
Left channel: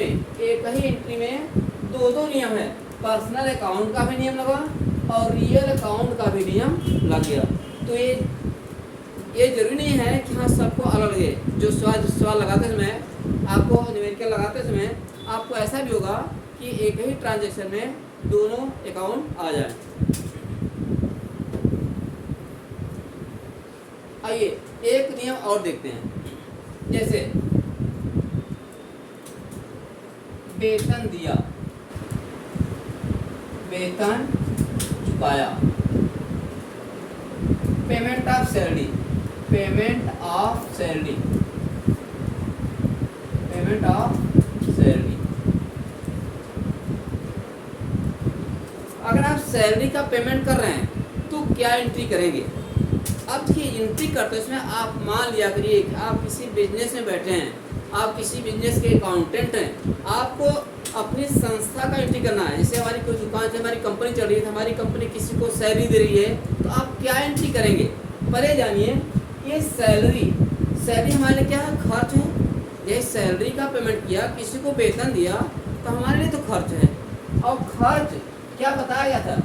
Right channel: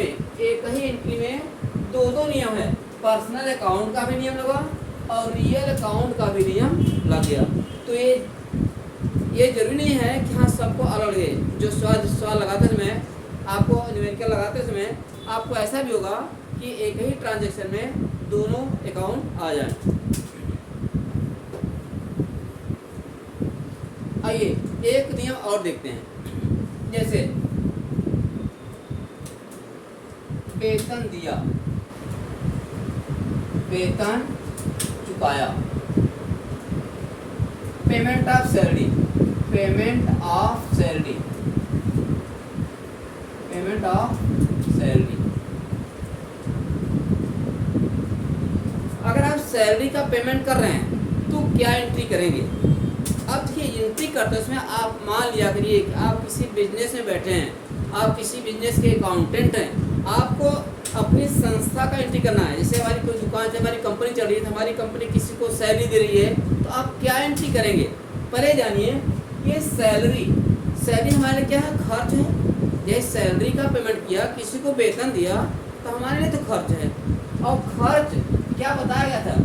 में 2 नियम है, पर्सनल अकाउंट का भी नियम लगा और रियल अकाउंट का भी नियम लग गया। तो ये जरूरी नहीं है कि हाँ सबको अलग लगे। जो सवाल लगाते समय आपको, न्यूमेरिकल लगाते समय आपको ऐसा भी होगा कि एक ही ट्रांजैक्शन में दोनों अकाउंट आ जाए। आइए एक नियम और देखते हैं, जैसे वेतन दिया, वेतन चुकाया, payment of salary, payment of salary, payment of salary. अगर आप सैलरी का पेमेंट कर रहे हैं तो क्या एंट्री करेंगे। अब देखिए एंट्री करते समय आप मान लिया करिए आप किसी बिजनेस में बैठे हैं, आप किसी बिजनेस के अकाउंटेंट हैं, आपको अपनी संस्था का एंट्री करना है। जैसे हमारी कोई दुकान से हमारी कंपनी चल रही है, तो हमारी कंपनी किसी को सैलरी दे रही है, तो आप क्या एंट्री करेंगे। पहले जानिए ये सैलरी हमारे लिए क्या है, खर्च है। जैसे सैलरी का पेमेंट किया, किसी को वेतन दिया, तो हमारे लिए तो खर्च है। और खर्च क्या बताया गया था,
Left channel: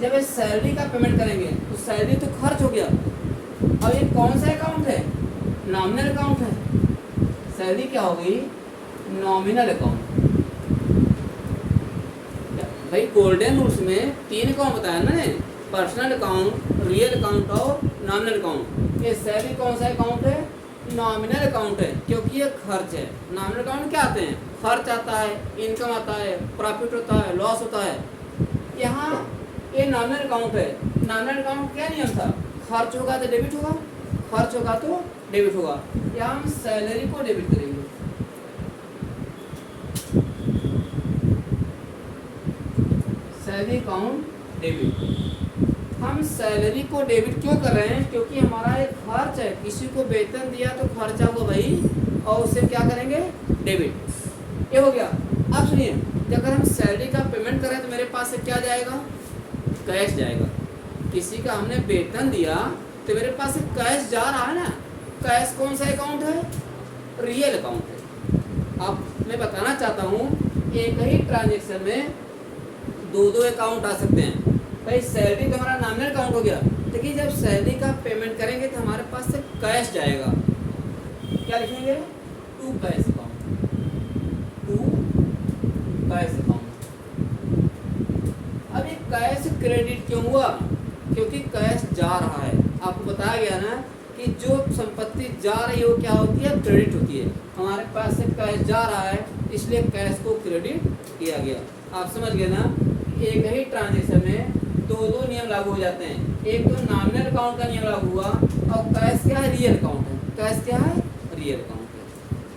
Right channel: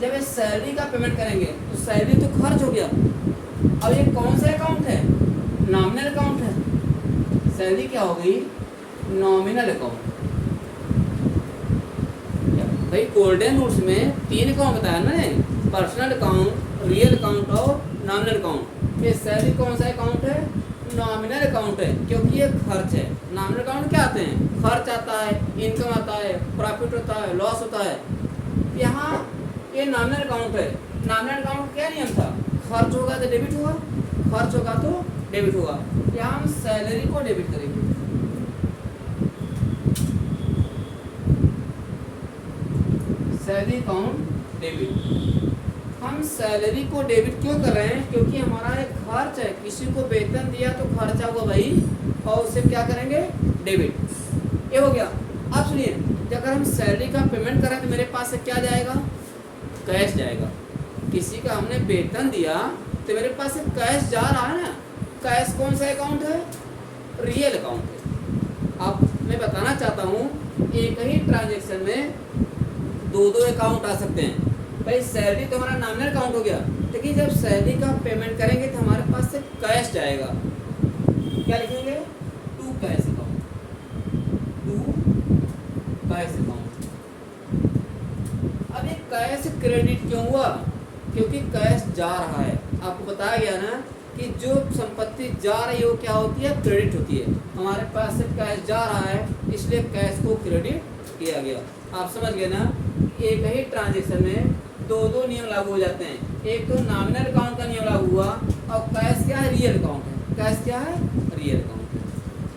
जब ये सैलरी का पेमेंट करेंगे तो सैलरी तो खर्च हो गया। अब ये कौन सा अकाउंट है, नॉमिनल अकाउंट है। सैलरी क्या हो गई, नॉमिनल अकाउंट। भाई गोल्डन रूल्स में 3 अकाउंट बताया ना, पर्सनल अकाउंट, रियल अकाउंट और नॉमिनल अकाउंट। ये सैलरी कौन सा अकाउंट है, नॉमिनल अकाउंट है, क्योंकि ये खर्च है। नॉमिनल अकाउंट क्या आते हैं, खर्च आता है, इनकम आता है, प्रॉफिट होता है, लॉस होता है। यहाँ ये नॉमिनल अकाउंट है। नॉमिनल अकाउंट क्या नियम था, खर्च होगा तो डेबिट होगा, खर्च होगा तो डेबिट होगा। यहाँ हम सैलरी को डेबिट करेंगे। Salary account debit. हम सैलरी को डेबिट क्यों कर रहे हैं, क्योंकि हमारा एक खर्च है, किसी को वेतन दिया तो खर्चा हुआ भाई, और उसे क्या करेंगे, डेबिट। ये हो गया। अब सुनिए, अगर हम सैलरी का पेमेंट करें तो मेरे पास से क्या जाएगा, कैश जाएगा। किसी का हमने वेतन दिया तो मेरे पास से कैश जा रहा है ना। कैश कौन सा अकाउंट है, रियल अकाउंट है। अब मैं बताना चाहता हूँ एक ही ट्रांजेक्शन में 2 अकाउंट आ सकते हैं। भाई सैलरी तो हमारा नॉमिनल अकाउंट हो गया, लेकिन जब सैलरी का पेमेंट करेंगे तो हमारे पास से कैश जाएगा। क्या लिखेंगे, to cash account, to cash account. अब ये कैश क्रेडिट क्यों हुआ, क्योंकि कैश जा रहा है। आपको बताया गया ना कि जो संपत्ति जा रही है वो क्या होती है, क्रेडिट होती है। हमारे पास से कैश जा रहा है, इसलिए कैश को क्रेडिट किया गया। आप समझ गए ना, एक ही ट्रांजेक्शन में 2 नियम लागू हो जाते हैं। एक तो नॉमिनल अकाउंट का नियम लागू हुआ, और कैश क्या है, रियल अकाउंट है। कैश क्या है, रियल अकाउंट है।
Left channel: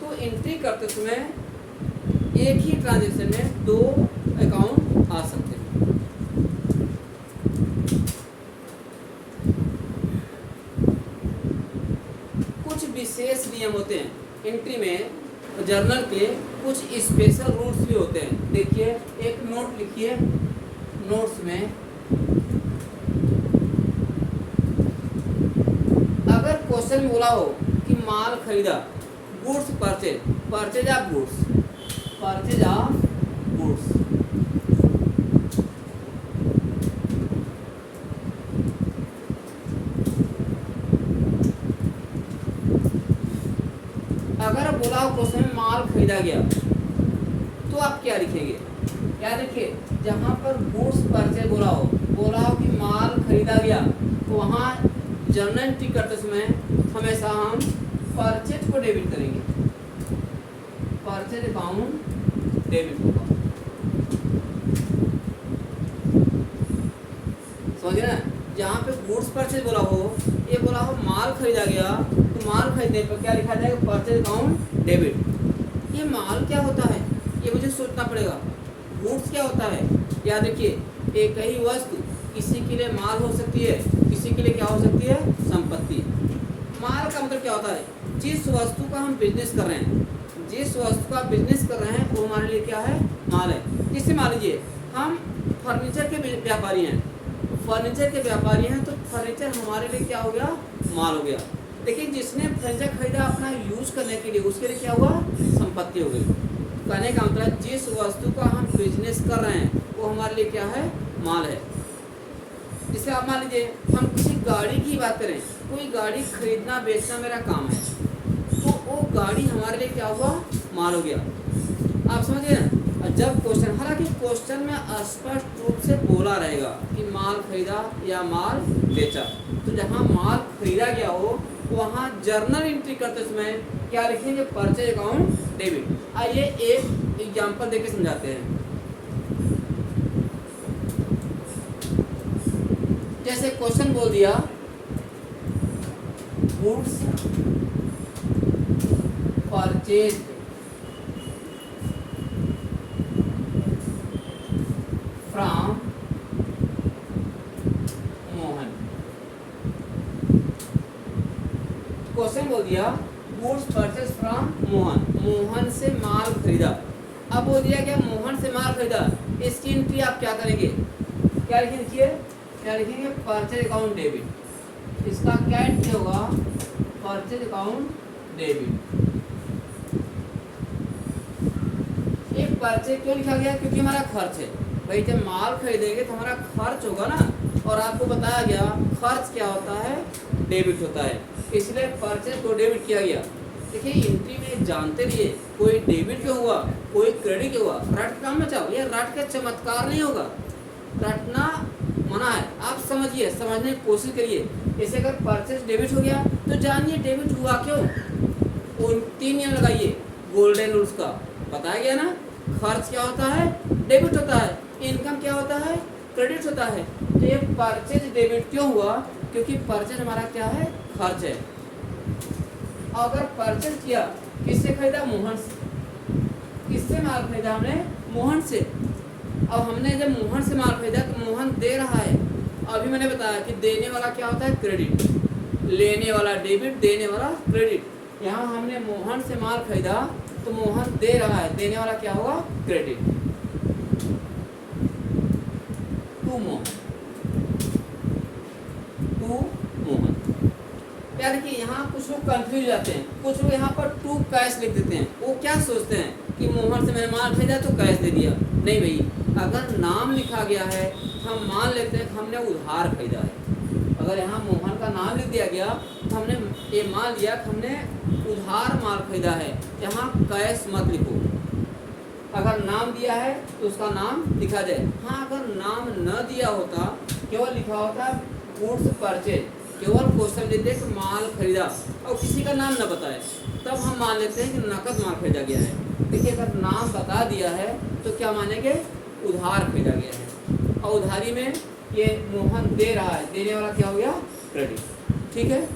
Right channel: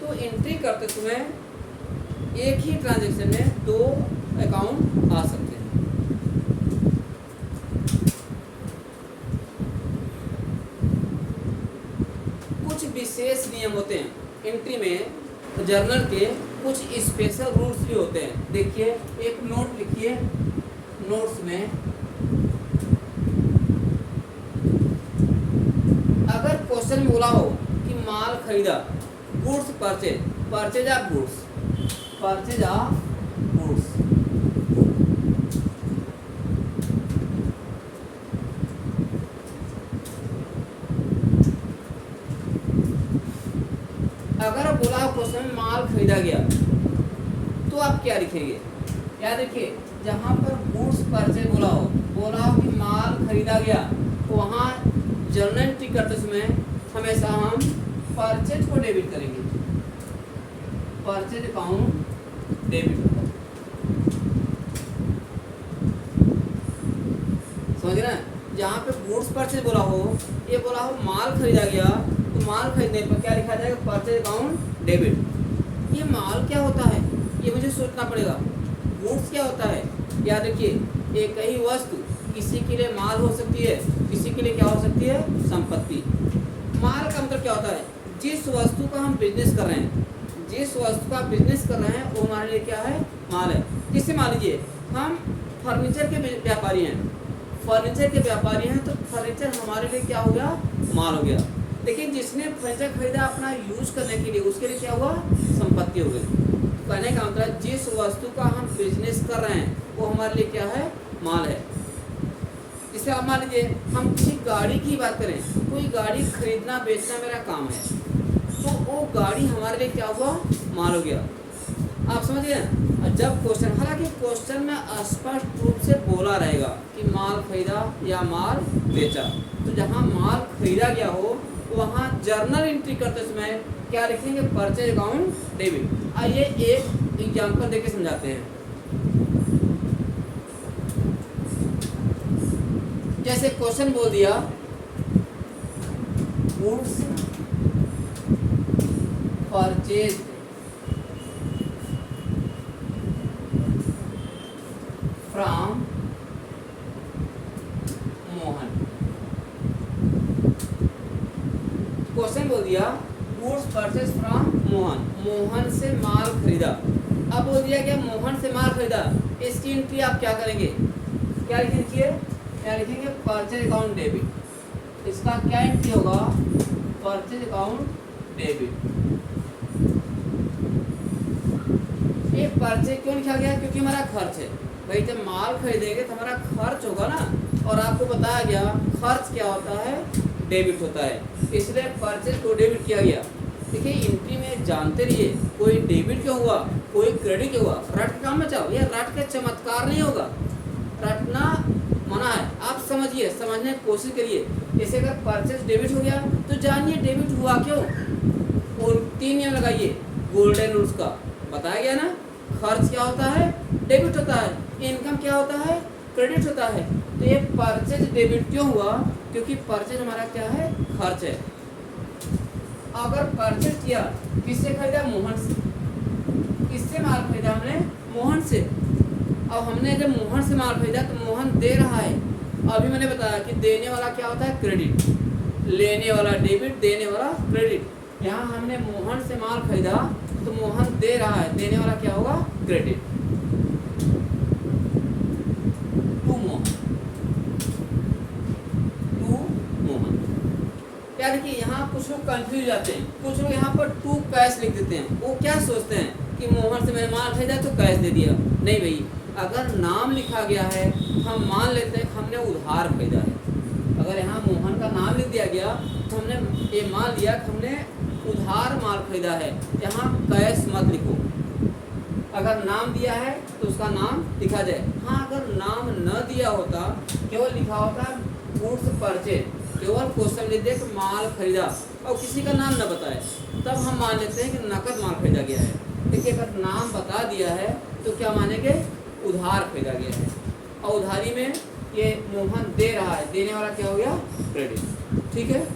तो एंट्री करते समय एक ही ट्रांजेक्शन में 2 अकाउंट आ सकते हैं। कुछ विशेष नियम होते हैं एंट्री में, जर्नल के कुछ स्पेशल रूल्स भी होते हैं। देखिए एक नोट लिखिए, नोट्स में अगर क्वेश्चन में बोला हो कि माल खरीदा, goods purchase, purchase of goods, purchase of goods, अगर बोला हो क्वेश्चन में माल खरीदा गया तो आप क्या लिखेंगे। याद रखिए, जहाँ पर गुड्स परचेज बोला हो कि माल खरीदा गया, तो वहाँ जर्नल एंट्री करते समय हमेशा हम परचेज को डेबिट करेंगे। परचेज अकाउंट डेबिट होगा। समझ ना, जहाँ पे गुड्स परचेज बोला हो, ये बोला हो माल खरीदा गया, तो माल खरीदने पर क्या लिखा जाएगा, परचेज अकाउंट डेबिट। ये माल क्या होता है ये मुझे सोचना पड़ेगा। गुड्स क्या होता है, याद रखिए एक ही वस्तु किसी के लिए माल हो सकती है, किसी के लिए क्या हो सकती है, संपत्ति। माल का मतलब क्या होता है, जिस वस्तु का हम बिजनेस कर रहे हैं, जिस वस्तु का बिजनेस कर रहे हैं वो हमारे लिए क्या है, माल है। जैसे मान लीजिए हम फर्नीचर के व्यापारी हैं, फर्नीचर के व्यापारी हैं तो फर्नीचर हमारे लिए क्या हो गया, माल हो गया। लेकिन जिसने फर्नीचर खरीदा अपना यूज करने के लिए, उसके लिए क्या हुआ, संपत्ति हो गई। तो कहने का मतलब जिस वस्तु का हम बिजनेस कर रहे हैं वो हमारे लिए क्या है, माल है। जैसे आप मान लीजिए हम किसी गाड़ी की बात करें, कोई गाड़ी खरीदना बेचना मेरा काम है, तो वो गाड़ी हमारे लिए क्या हुआ, माल हो गया। आप समझ गए ना। और जब क्वेश्चन, हालांकि क्वेश्चन में स्पष्ट रूप से बोला रहेगा कि माल खरीदा या माल बेचा, तो जहाँ माल खरीदा गया हो वहाँ जर्नल एंट्री करते समय क्या लिखेंगे, परचेज अकाउंट डेबिट। आइए एक एग्जाम्पल देके समझाते हैं। जैसे क्वेश्चन बोल दिया goods purchase from Mohan. Question बोल दिया goods purchase from Mohan, Mohan से माल खरीदा। अब बोल दिया क्या, मोहन से माल खरीदा, इसकी एंट्री आप क्या करेंगे, क्या लिखेंगे, क्या लिखेंगे, परचेज अकाउंट डेबिट। इसका क्या एंट्री होगा, परचेज अकाउंट डेबिट। ये परचेज क्यों लिखा गया, क्योंकि हमारा खर्च है भाई। जब माल खरीदेंगे तो हमारा खर्च होगा ना, और आपको बताया गया खर्च क्या होता है, डेबिट होता है, इसलिए परचेज को डेबिट किया गया। देखिए एंट्री में जानते रहिए, कोई डेबिट क्यों हुआ, कोई क्रेडिट क्यों हुआ, रट काम बचाओ। ये रट के चमत्कार नहीं होगा, रटना मना है। आप समझिए, समझने की कोशिश करिए। जैसे अगर परचेज डेबिट हो गया तो जानिए डेबिट हुआ क्यों, और 3 नियम लगाइए गोल्डन रूल्स का, बताया गया ना। खर्च क्या होता है, डेबिट होता है, इनकम क्या होता है, क्रेडिट होता है। तो ये परचेज डेबिट क्यों हुआ, क्योंकि परचेज हमारा क्या है, खर्च है। अगर परचेज किया, किससे खरीदा, मोहन से। किससे माल खरीदा हमने, मोहन से। अब हमने जब मोहन से माल खरीदा तो मोहन दे रहा है। अभी मैंने बताया कि देने वाला क्या होता है, क्रेडिट, लेने वाला डेबिट, देने वाला क्रेडिट। यहाँ हमने मोहन से माल खरीदा तो मोहन दे रहा है, देने वाला क्या होगा, credit. To Mohan, to Mohan. क्या देखिए यहाँ कुछ लोग कंफ्यूज जाते हैं, कुछ लोग यहाँ पर टू कैश लिख देते हैं। वो क्या सोचते हैं कि मोहन से मैंने माल खरीदा तो कैश दे दिया। नहीं भाई, अगर नाम लिखा गया है हम मान लेते हैं कि हमने उधार खरीदा है। अगर यहाँ मोहन का नाम लिख दिया गया तो हमने ये मान लिया कि हमने उधार माल खरीदा है, यहाँ कैश मत लिखो। अगर नाम दिया है तो उसका नाम लिखा जाए। हाँ, अगर नाम न दिया होता, केवल लिखा होता गुड्स परचेज, केवल क्वेश्चन लिख दे कि माल खरीदा और किसी का नाम न बताए, तब हम मान लेते हैं कि नकद माल खरीदा गया है। देखिए अगर नाम बता दिया है तो क्या मानेंगे, उधार खरीदा गया है। और उधारी में ये मोहन दे रहा है, देने वाला क्या हो गया, क्रेडिट। ठीक है,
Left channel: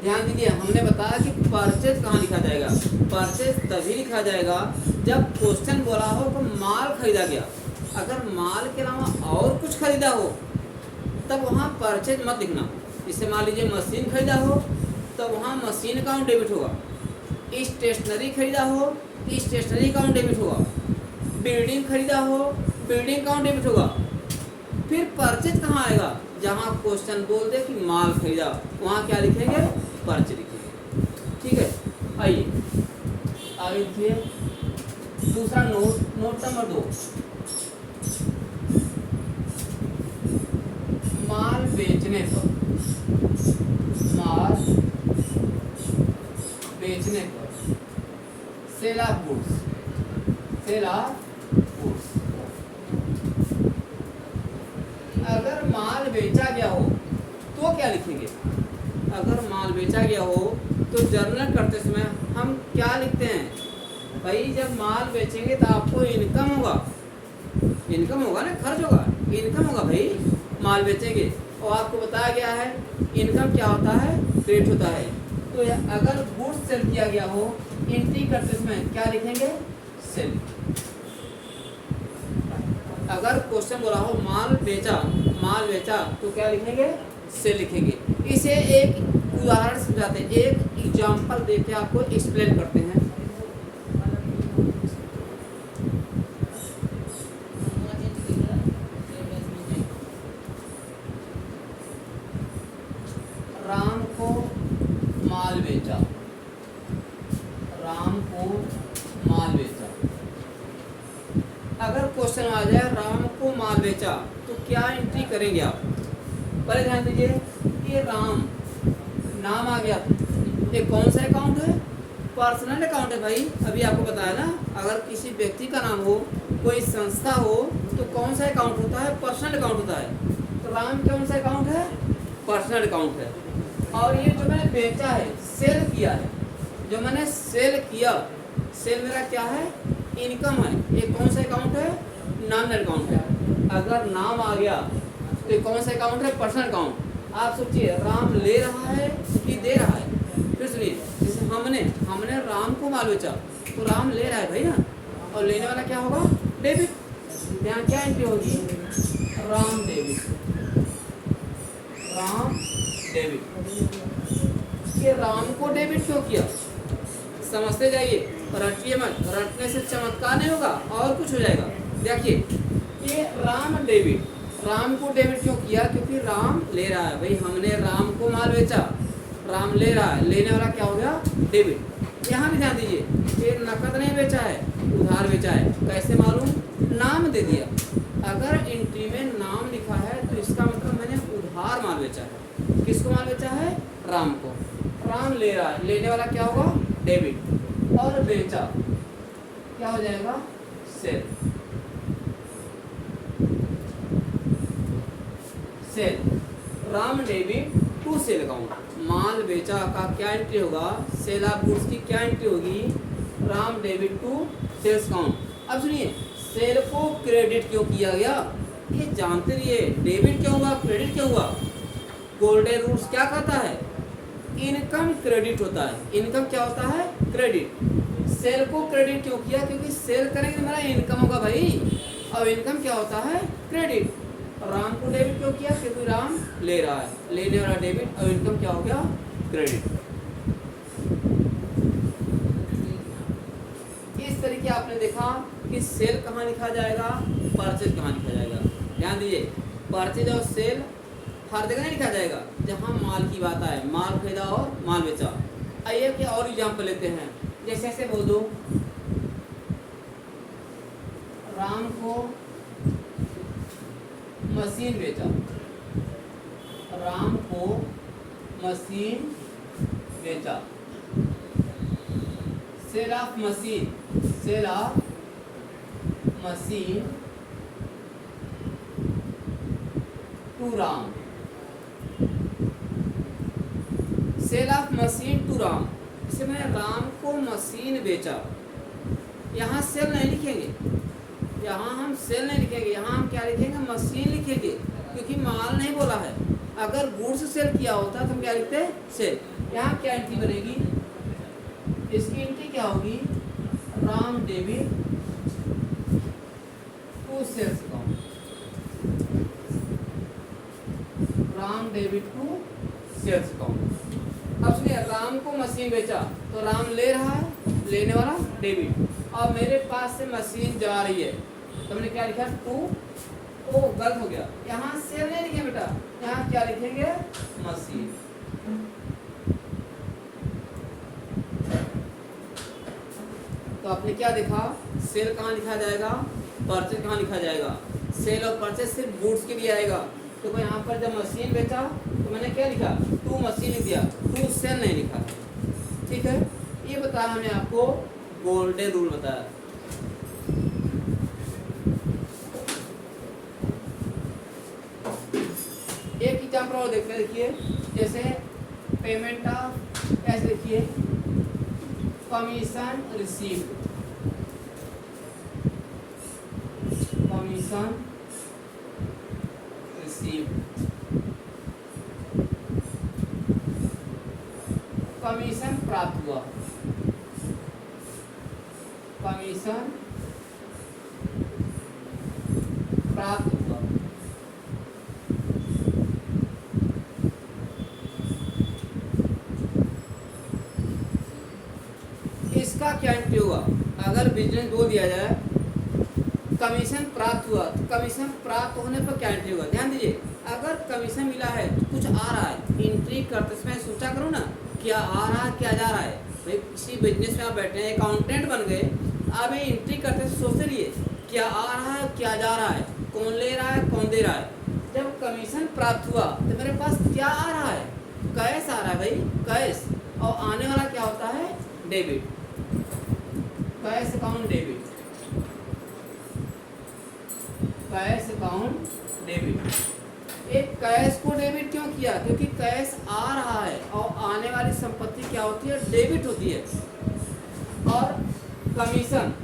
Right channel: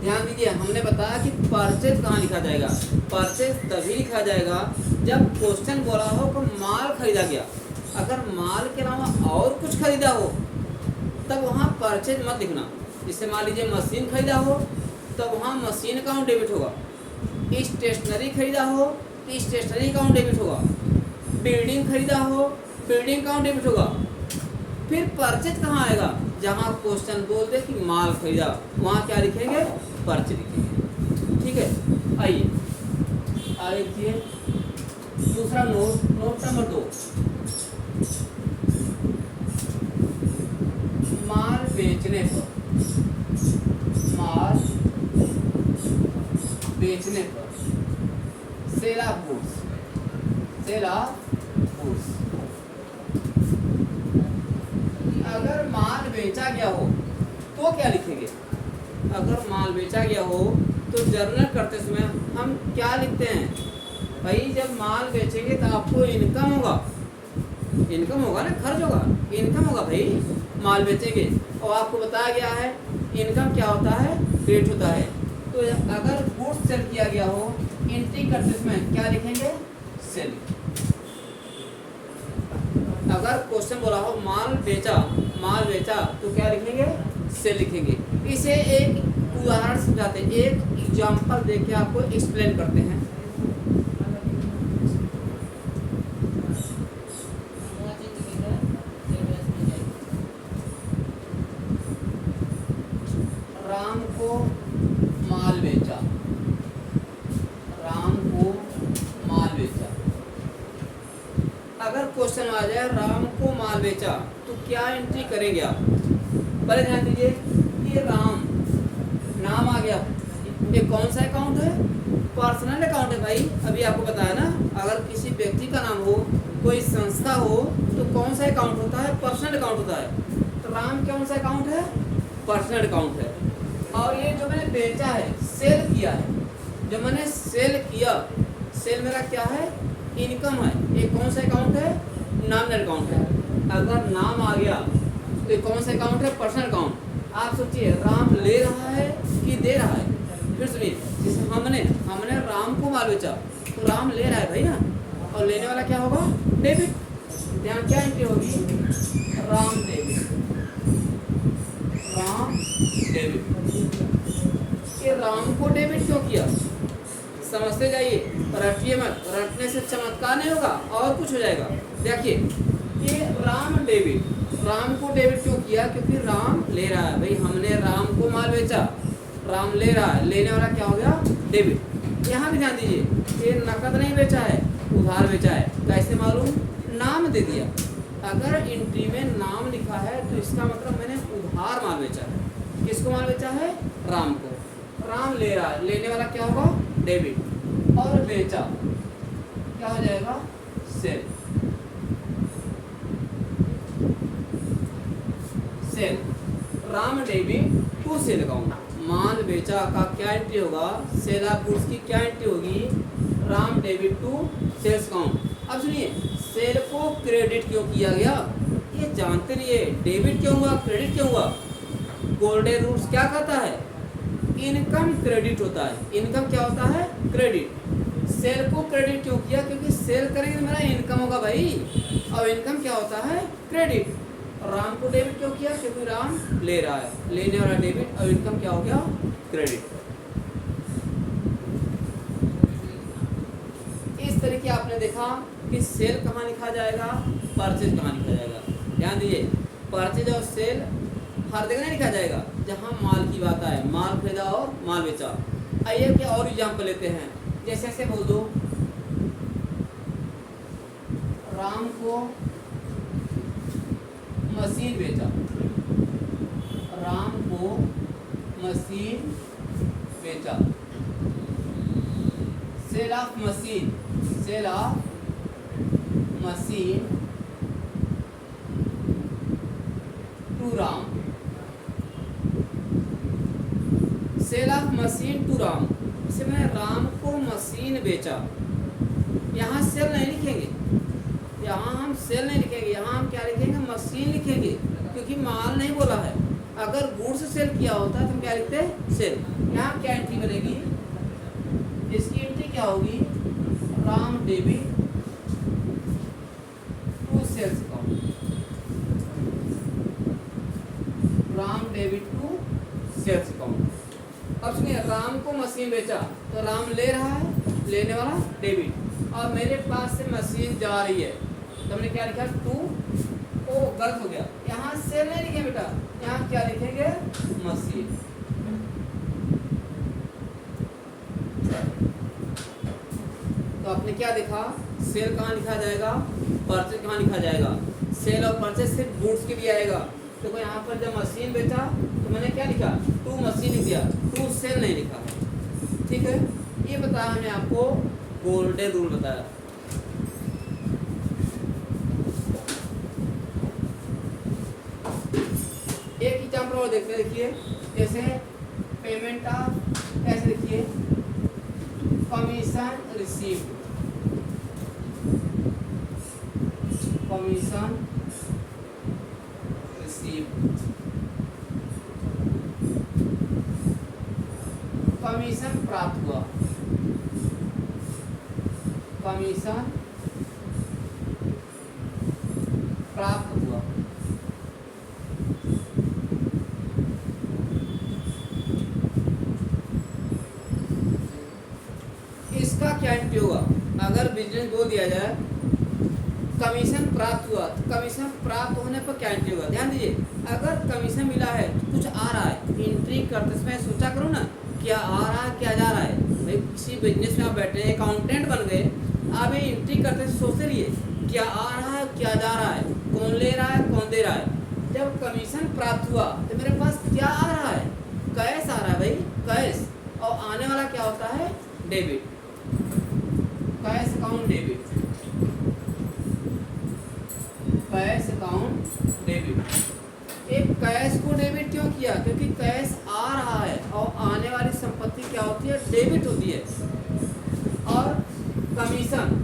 ध्यान दीजिए। हमने बताया कि परचेज कहाँ लिखा जाएगा, परचेज तभी लिखा जाएगा जब क्वेश्चन बोला हो कि माल खरीदा गया। अगर माल के अलावा और कुछ खरीदा हो तब वहाँ परचेज मत लिखना। जैसे मान लीजिए मशीन खरीदा हो तो वहाँ मशीन अकाउंट डेबिट होगा, स्टेशनरी खरीदा हो तो स्टेशनरी अकाउंट डेबिट होगा, बिल्डिंग खरीदा हो बिल्डिंग अकाउंट डेबिट होगा। फिर परचेज कहाँ आएगा, जहाँ क्वेश्चन बोल दे कि माल खरीदा, वहाँ क्या लिखेंगे, परचेज लिखेंगे। ठीक है, आइए आगे देखिए दूसरा नोट नंबर 2। माल बेचने पर, माल बेचने पर, sale of goods, sale of goods. अगर माल बेचा गया हो तो क्या लिखेंगे, अगर माल बेचा गया हो तो जर्नल करते समय हम क्या लिखते हैं भाई, जब माल बेचेंगे तो आपको इनकम होगा, इनकम होगा ना, खर्च होगा, इनकम होगा भाई, माल बेचेंगे। और आपको बताया गया है इनकम क्या होता है, क्रेडिट होता है। तो अगर गुड्स सेल किया गया हो, एंट्री करते इसमें क्या लिखेंगे, सेल। अगर क्वेश्चन बोला हो माल बेचा तो क्या लिखेंगे, सेल लिखेंगे। इसे एक उदाहरण समझाते हैं, एक एग्जांपल देके आपको एक्सप्लेन करते हैं। राम को माल बेचा, अगर क्वेश्चन आ जाए राम को माल बेचा तो क्या एंट्री करेंगे आप। पहले ध्यान दीजिए कि राम नाम आ गया, ये कौन सा अकाउंट है, पर्सनल अकाउंट है भाई। अभी आपको बताया ना, अगर किसी व्यक्ति का नाम हो, कोई संस्था हो, तो कौन सा अकाउंट होता है, पर्सनल अकाउंट होता है। तो राम कौन सा अकाउंट है, पर्सनल अकाउंट है। और ये जो मैंने बेचा है, सेल किया है, जो मैंने सेल किया, सेल मेरा क्या है, इनकम है। ये कौन सा अकाउंट है, नॉमिनल अकाउंट है। अगर नाम आ गया तो ये कौन सा अकाउंट है, पर्सनल अकाउंट। आप सोचिए राम ले रहा है कि दे रहा है। फिर सुनिए, जैसे हमने राम को माल बेचा तो राम ले रहा है भाई ना, और लेने वाला क्या होगा, डेबिट। यहाँ क्या एंट्री होगी, राम डेबिट, राम डेबिट। ये राम को डेबिट क्यों किया, समझते जाइए, रटिए मत, रटने से चमत्कार नहीं होगा और कुछ हो जाएगा। देखिए ये राम को डेबिट क्यों किया, क्योंकि राम ले रहा है भाई, हमने राम को माल बेचा, राम ले रहा है, लेने वाला क्या हो गया, डेबिट। यहाँ भी ध्यान दीजिए, ये नकद नहीं बेचा है, उधार बेचा है। कैसे मालूम, नाम दे दिया। अगर एंट्री में नाम लिखा है तो इसका मतलब मैंने उधार माल बेचा है। किसको माल बेचा है, राम को। राम ले रहा है, लेने वाला क्या होगा, डेबिट, और बेचा क्या हो जाएगा, sale. Ram debit to sale account. माल बेचा का क्या एंट्री होगा, सेल ऑफ गुड्स की क्या एंट्री होगी, Ram debit to sales account. अब सुनिए, सेल को क्रेडिट क्यों किया गया, ये जानते रहिए। डेबिट क्यों हुआ, क्रेडिट क्यों हुआ। गोल्डन रूल्स क्या कहता है, इनकम क्रेडिट होता है। इनकम क्या होता है, क्रेडिट। सेल को क्रेडिट क्यों किया, क्योंकि सेल करेंगे तो मेरा इनकम होगा भाई, और इनकम क्या होता है, क्रेडिट। राम को डेबिट क्यों किया, क्योंकि राम ले रहा है, लेने वाला डेबिट, और इनकम क्या हो गया, क्रेडिट। इस तरीके आपने देखा कि सेल कहाँ लिखा जाएगा, परचेज कहाँ लिखा जाएगा। ध्यान दीजिए, परचेज और सेल हर जगह नहीं लिखा जाएगा जहाँ माल की बात आए, माल खरीदा और माल बेचा। आइए क्या और एग्जाम्पल लेते हैं, जैसे से बोल दो, राम को मशीन बेचा, राम को मशीन बेचा। Sale of machine, sale of machine to Ram, sale of machine to Ram. इसे मैंने राम को मशीन बेचा, यहाँ सेल नहीं लिखेंगे, यहाँ हम सेल नहीं लिखेंगे, यहाँ हम क्या लिखेंगे, मशीन लिखेंगे, क्योंकि माल नहीं बोला है। अगर गुड्स सेल किया होता तो हम क्या लिखते हैं, सेल। यहाँ क्या एंट्री बनेगी, इसकी एंट्री क्या होगी, Ram debit to sales account, Ram debit to sales account. अब सुनिए, राम को मशीन बेचा तो राम ले रहा है, लेने वाला डेबिट, और मेरे पास से मशीन जा रही है तो हमने क्या लिखा, टू। ओ गलत हो गया, यहाँ सेल नहीं लिखे बेटा, यहाँ क्या लिखेंगे, मशीन। तो आपने क्या देखा, सेल कहाँ लिखा जाएगा, परचेज कहाँ लिखा जाएगा। सेल और परचेज सिर्फ गुड्स के लिए आएगा। तो यहाँ पर जब मशीन बेचा तो मैंने क्या लिखा, टू मशीन लिख दिया, टू सेल नहीं लिखा। ठीक है, ये बताया हमने आपको, गोल्डन रूल बताया। एक एग्जाम्पल और देखते हैं, देखिए, जैसे पेमेंट ऑफ, ऐसे देखिए, commission received, commission receive, commission प्राप्त हुआ, कमीशन प्राप्त हुआ। इसका क्या एंट्री होगा? अगर बिजनेस बोल दिया जाए कमीशन प्राप्त हुआ, तो कमीशन प्राप्त होने पर क्या एंट्री होगा? ध्यान दीजिए, अगर कमीशन मिला है तो कुछ आ रहा है, एंट्री करते समय सोचा करो ना क्या आ रहा है क्या जा रहा है। भाई किसी बिजनेस में आप बैठे हैं, अकाउंटेंट बन गए, आप ये एंट्री करते समय सोचते रहिए क्या आ रहा है क्या जा रहा है, कौन ले रहा है कौन दे रहा है। जब कमीशन प्राप्त हुआ तो मेरे पास क्या आ रहा है? कैश आ रहा है भाई, कैश। और आने वाला क्या होता है? Debit, cash account debit, cash account debit. एक कैश को डेबिट क्यों किया? क्योंकि कैश आ रहा है और आने वाली संपत्ति क्या होती है? डेबिट होती है। और कमीशन,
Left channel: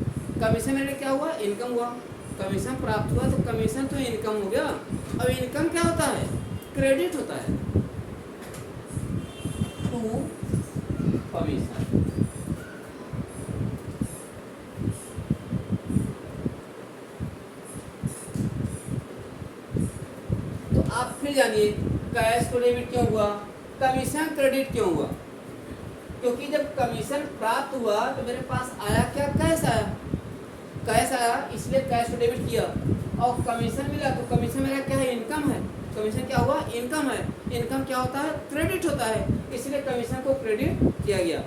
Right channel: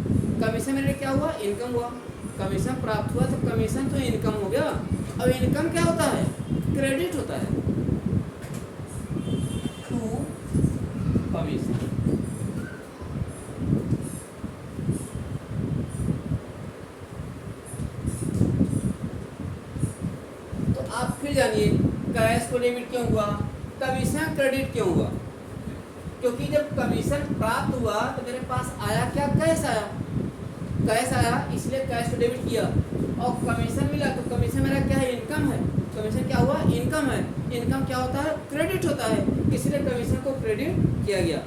कमीशन मेरे क्या हुआ? इनकम हुआ। कमीशन प्राप्त हुआ तो कमीशन तो इनकम हो गया। अब इनकम क्या होता है? क्रेडिट होता है टू कमीशन। तो आप फिर जानिए कैश को डेबिट क्यों हुआ, कमीशन क्रेडिट क्यों हुआ? क्योंकि जब कमीशन प्राप्त हुआ तो मेरे पास आया क्या? कैश आया, कैश आया इसलिए कैश को डेबिट किया। और कमीशन मिला तो कमीशन मेरा क्या है? इनकम है। कमीशन क्या हुआ? इनकम है। इनकम क्या होता है? क्रेडिट होता है, इसलिए कमीशन को क्रेडिट किया गया।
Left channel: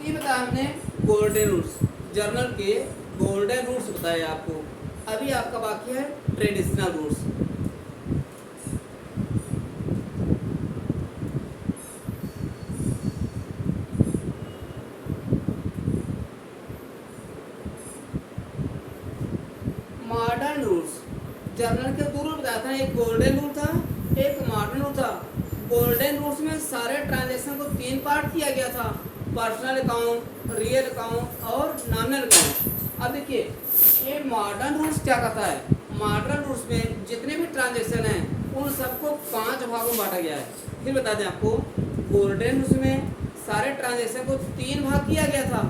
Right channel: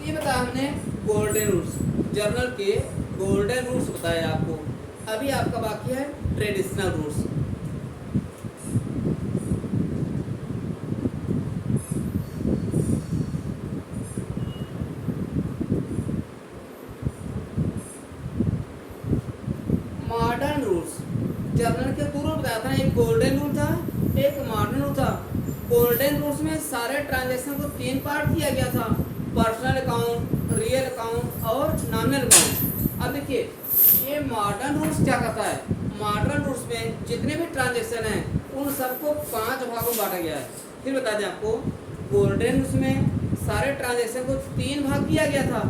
ये बताया हमने गोल्डन रूल्स, जर्नल के गोल्डन रूल्स बताए आपको। अभी आपका बाकी है traditional rules. Modern rules, journal के दो रूल बताया था, एक गोल्डन रूल था एक मॉडर्न रूल था। गोल्डन रूल्स में सारे ट्रांजैक्शन को 3 पार्ट किया गया था, पर्सनल अकाउंट, रियल अकाउंट और नॉमिनल अकाउंट। अब देखिए ये मॉडर्न रूल्स क्या कहता है? मॉडर्न रूल्स में जितने भी ट्रांजैक्शन हैं उन सबको 5 भागों में बांटा गया है। फिर बता दें आपको, गोल्डन रूल्स में सारे ट्रांजैक्शन को 3 भाग किया गया था,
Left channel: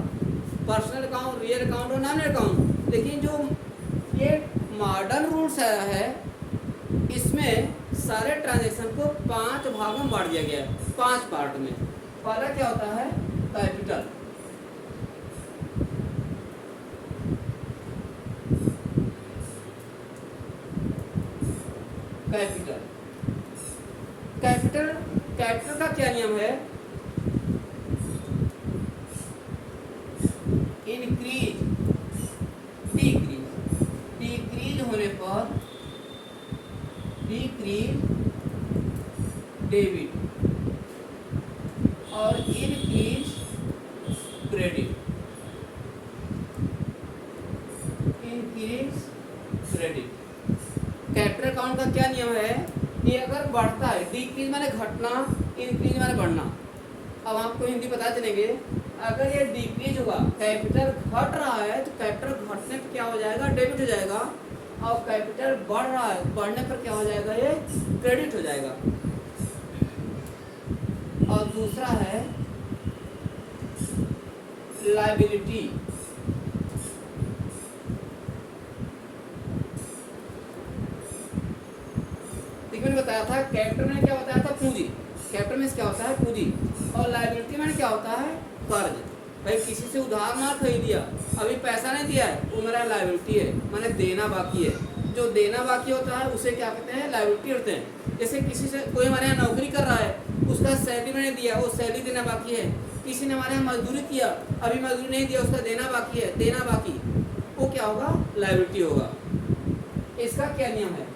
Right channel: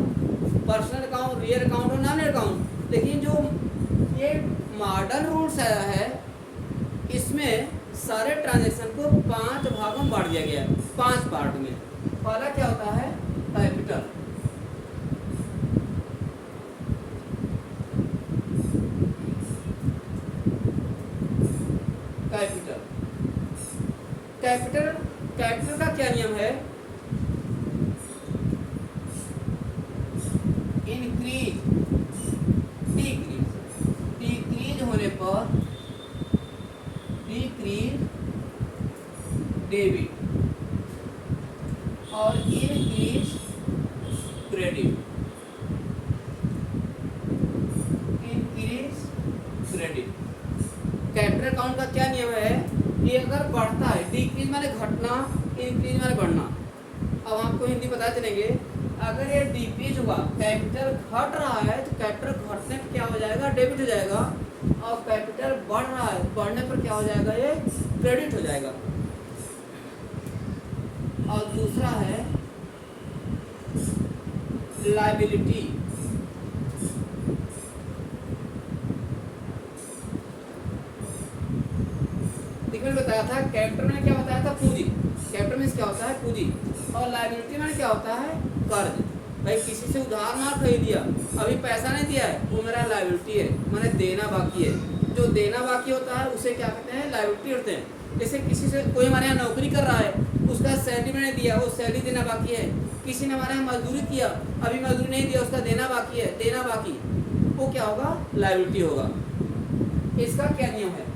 पर्सनल अकाउंट, रियल अकाउंट और नॉमिनल अकाउंट। लेकिन जो ये मॉडर्न रूल्स आया है इसमें सारे ट्रांजैक्शन को 5 भागों में बांट दिया गया है, 5 पार्ट में। पहला क्या होता है? कैपिटल, कैपिटल, कैपिटल, कैपिटल का क्या नियम है? इंक्रीज, डिक्रीज, डिक्रीज होने पर डिक्रीज डेबिट और increase credit, increase credit. Capital account का क्या नियम है कि अगर बढ़ता है, डिक्रीज माने घटना, इंक्रीज माने बढ़ना। अब आपको हिंदी बता चलेंगे, अगर ये डिक्रीज हुआ, कैपिटल घट रहा है तो कैपिटल घटने पर क्या हो जाएगा? डेबिट हो जाएगा। और कैपिटल बढ़ रहा है, बढ़ने पर क्या हो जाएगा? ये क्रेडिट हो जाएगा। और दूसरा है लायबिलिटी, देखिए मैंने बताया था कैपिटल में क्या बताया था? पूंजी। कैपिटल में क्या होता है? पूंजी। और लायबिलिटी में क्या होता है? कर्ज। भाई किसी से उधार मार खरीद दिया, अभी पैसा नहीं दिया है, वो मेरा लायबिलिटी है, माने देना बाकी है। जो देना बाकी होता है उसे क्या कहते हैं? लायबिलिटी होते हैं। जैसे किसी से कोई हमारे यहाँ नौकरी कर रहा है, उसका सैलरी मैंने दिया, वो सैलरी देना बाकी है। किसी ने हमारे यहाँ मजदूरी किया, अभी मजदूरी नहीं दिया, उसका देना बाकी है, देना बाकी, वो क्या होगा? लायबिलिटी होगा। इसका क्या नियम है?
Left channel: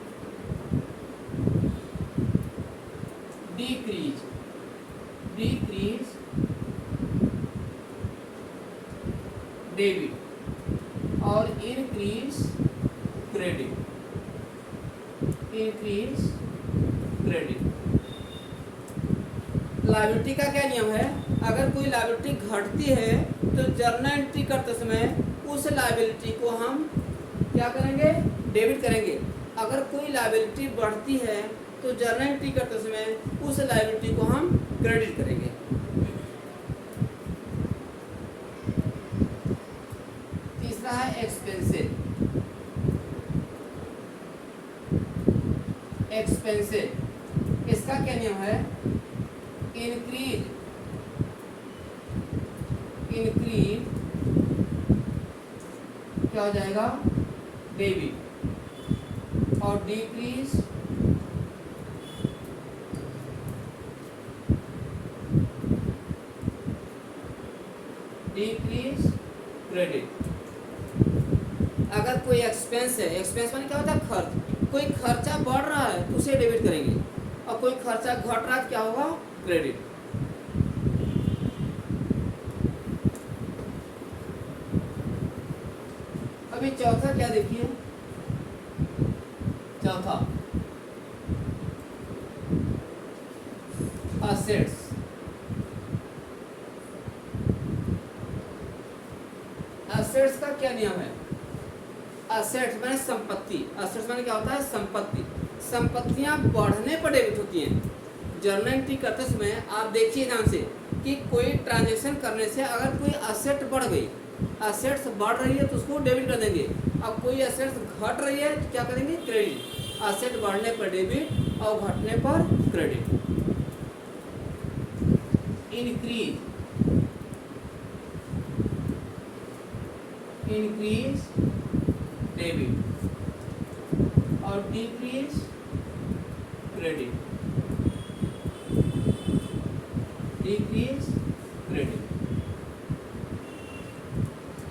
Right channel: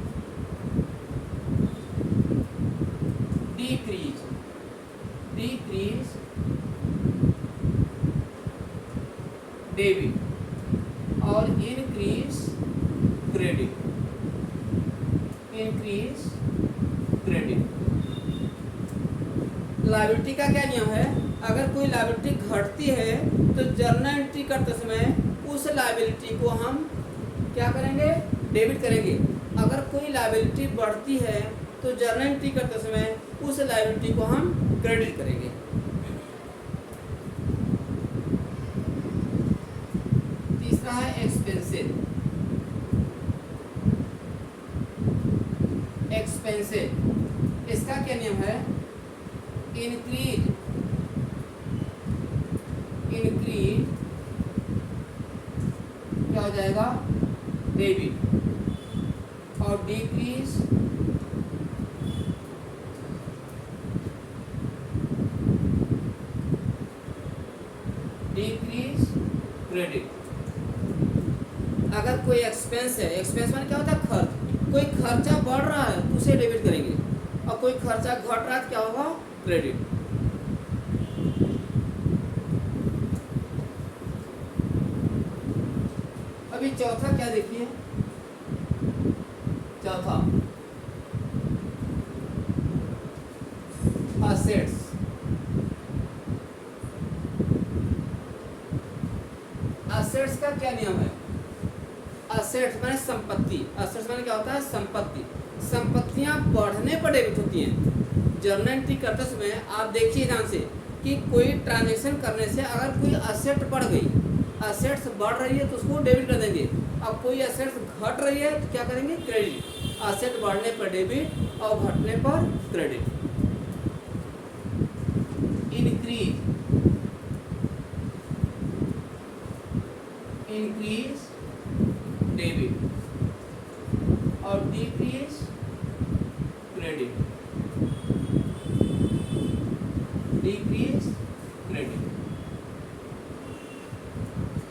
डिक्रीज, डिक्रीज डेबिट और increase credit, increase credit. Liability का क्या नियम है, अगर कोई लायबिलिटी घटती है तो जर्नल एंट्री करते समय उस लायबिलिटी को हम क्या करेंगे, डेबिट करेंगे। अगर कोई लायबिलिटी बढ़ती है तो जर्नल एंट्री करते समय उस लायबिलिटी को हम क्रेडिट करेंगे। तीसरा है एक्सपेंसेस। एक्सपेंसेस इसका क्या नियम है, इंक्रीज क्या हो जाएगा, डेबिट, और डिक्रीज क्रेडिट। अगर कोई एक्सपेंस है, एक्सपेंस माने क्या होता है, खर्च, कोई खर्चा बढ़ रहा है तो उसे डेबिट करेंगे, और कोई खर्चा घट रहा है तो क्या होगा, क्रेडिट। अभी चौथा क्या देखिए, चौथा असेट्स। असेट्स का क्या नियम है, असेट्स माने संपत्ति, असेट्स माने क्या होता है, संपत्ति। संपत्तियां बढ़ने पर डेबिट होती हैं। जर्नल एंट्री करते समय आप देखिए ध्यान से कि कोई ट्रांजैक्शन करने से अगर कोई असेट बढ़ गई, असेट्स बढ़ रही है तो उसको डेबिट कर देंगे। अब कोई असेट्स घट रही है तो क्या करेंगे, क्रेडिट। असेट बढ़ने पर डेबिट और घटने पर क्रेडिट। इंक्रीज डेबिट और डिक्रीज क्रेडिट,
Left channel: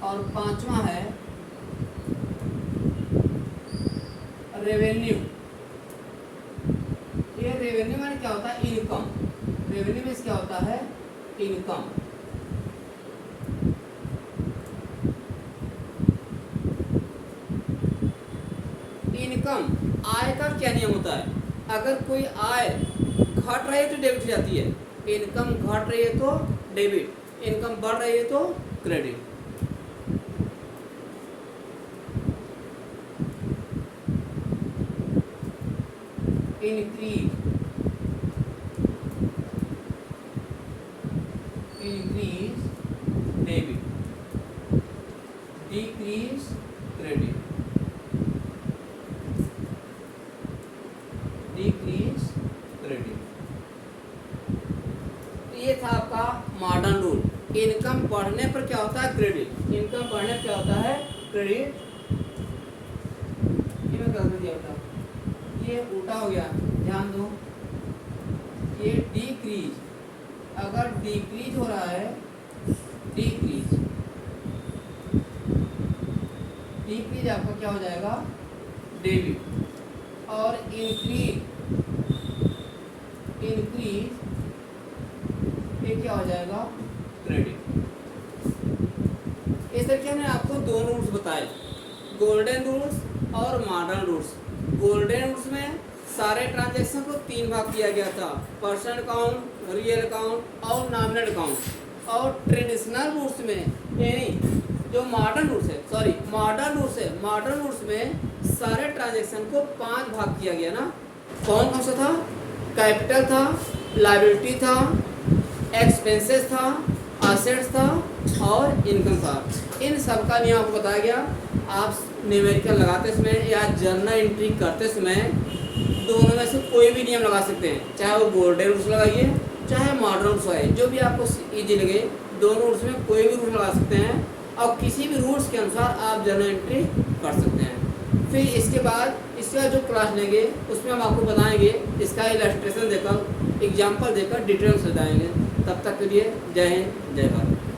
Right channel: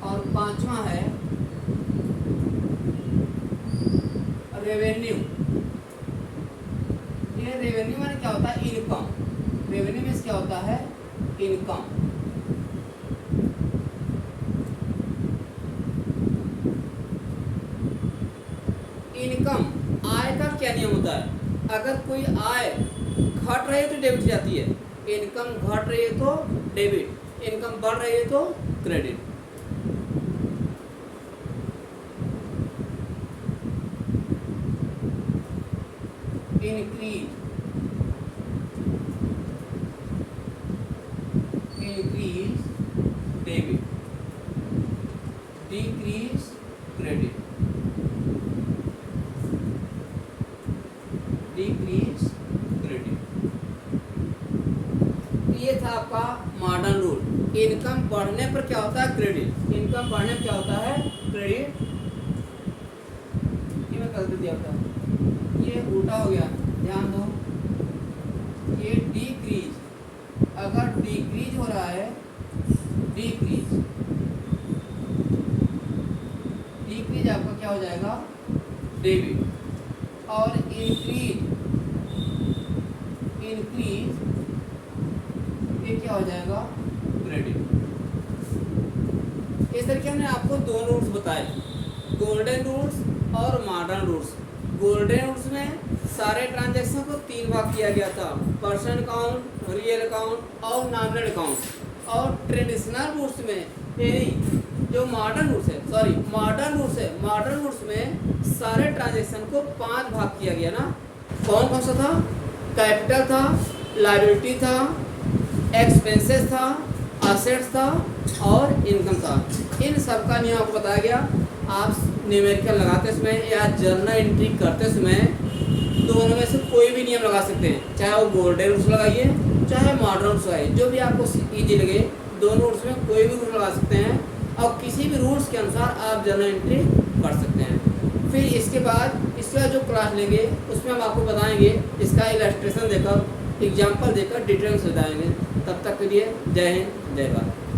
और पांचवा है रेवेन्यू। ये रेवेन्यू माने क्या होता है, इनकम। रेवेन्यू में क्या होता है, इनकम। इनकम, आय का क्या नियम होता है, अगर कोई आय घट रही है तो डेबिट जाती है, इनकम घट रही है तो डेबिट, इनकम बढ़ रही है तो credit. Increase debit, decrease credit, ये था आपका मॉडर्न रूल। इनकम बढ़ने पर क्या होता है, क्रेडिट। इनकम बढ़ने पर क्या होता है, क्रेडिट। ये मैं कर दिया होता, ये उल्टा हो गया, ध्यान दो। ये डिक्रीज, अगर डिक्रीज हो रहा है, डिक्रीज आपका क्या हो जाएगा, डेबिट, और इंक्रीज ये क्या हो जाएगा, क्रेडिट। इस तरीके हमने आपको दो रूल्स बताए, गोल्डन रूल्स और मॉडर्न रूल्स। गोल्डन रूल्स में सारे ट्रांजैक्शन को तीन भाग किया गया था, पर्सन अकाउंट, रियल अकाउंट और नॉमिनल अकाउंट। और ट्रेडिशनल रूल्स में, यानी जो मॉडर्न रूल्स है, सॉरी मॉडर्न रूल्स है, मॉडर्न रूल्स में सारे ट्रांजैक्शन को 5 भाग किया गया ना। कौन कौन सा था, कैपिटल था, लायबिलिटी था, एक्सपेंसेस था, असेट्स था और इनकम था। इन सब का नियम आपको बताया गया। आप न्यूमेरिकल लगाते समय या जर्नल एंट्री करते समय दोनों में से कोई भी नियम लगा सकते हैं, चाहे वो गोल्डन रूल्स लगाइए चाहे मॉडर्न रूल्स लगाइए, जो भी आपको ईजी लगे। दोनों रूल्स में कोई भी रूल लगा सकते हैं और किसी भी रूल्स के अनुसार आप जर्नल एंट्री कर सकते हैं। फिर इसके बाद जो क्लास लेंगे उसमें हम आपको बताएंगे, इसका इलस्ट्रेशन देकर, एग्जाम्पल देकर डिटेल से बताएंगे। तब तक के लिए जय हिंद, जय भारत।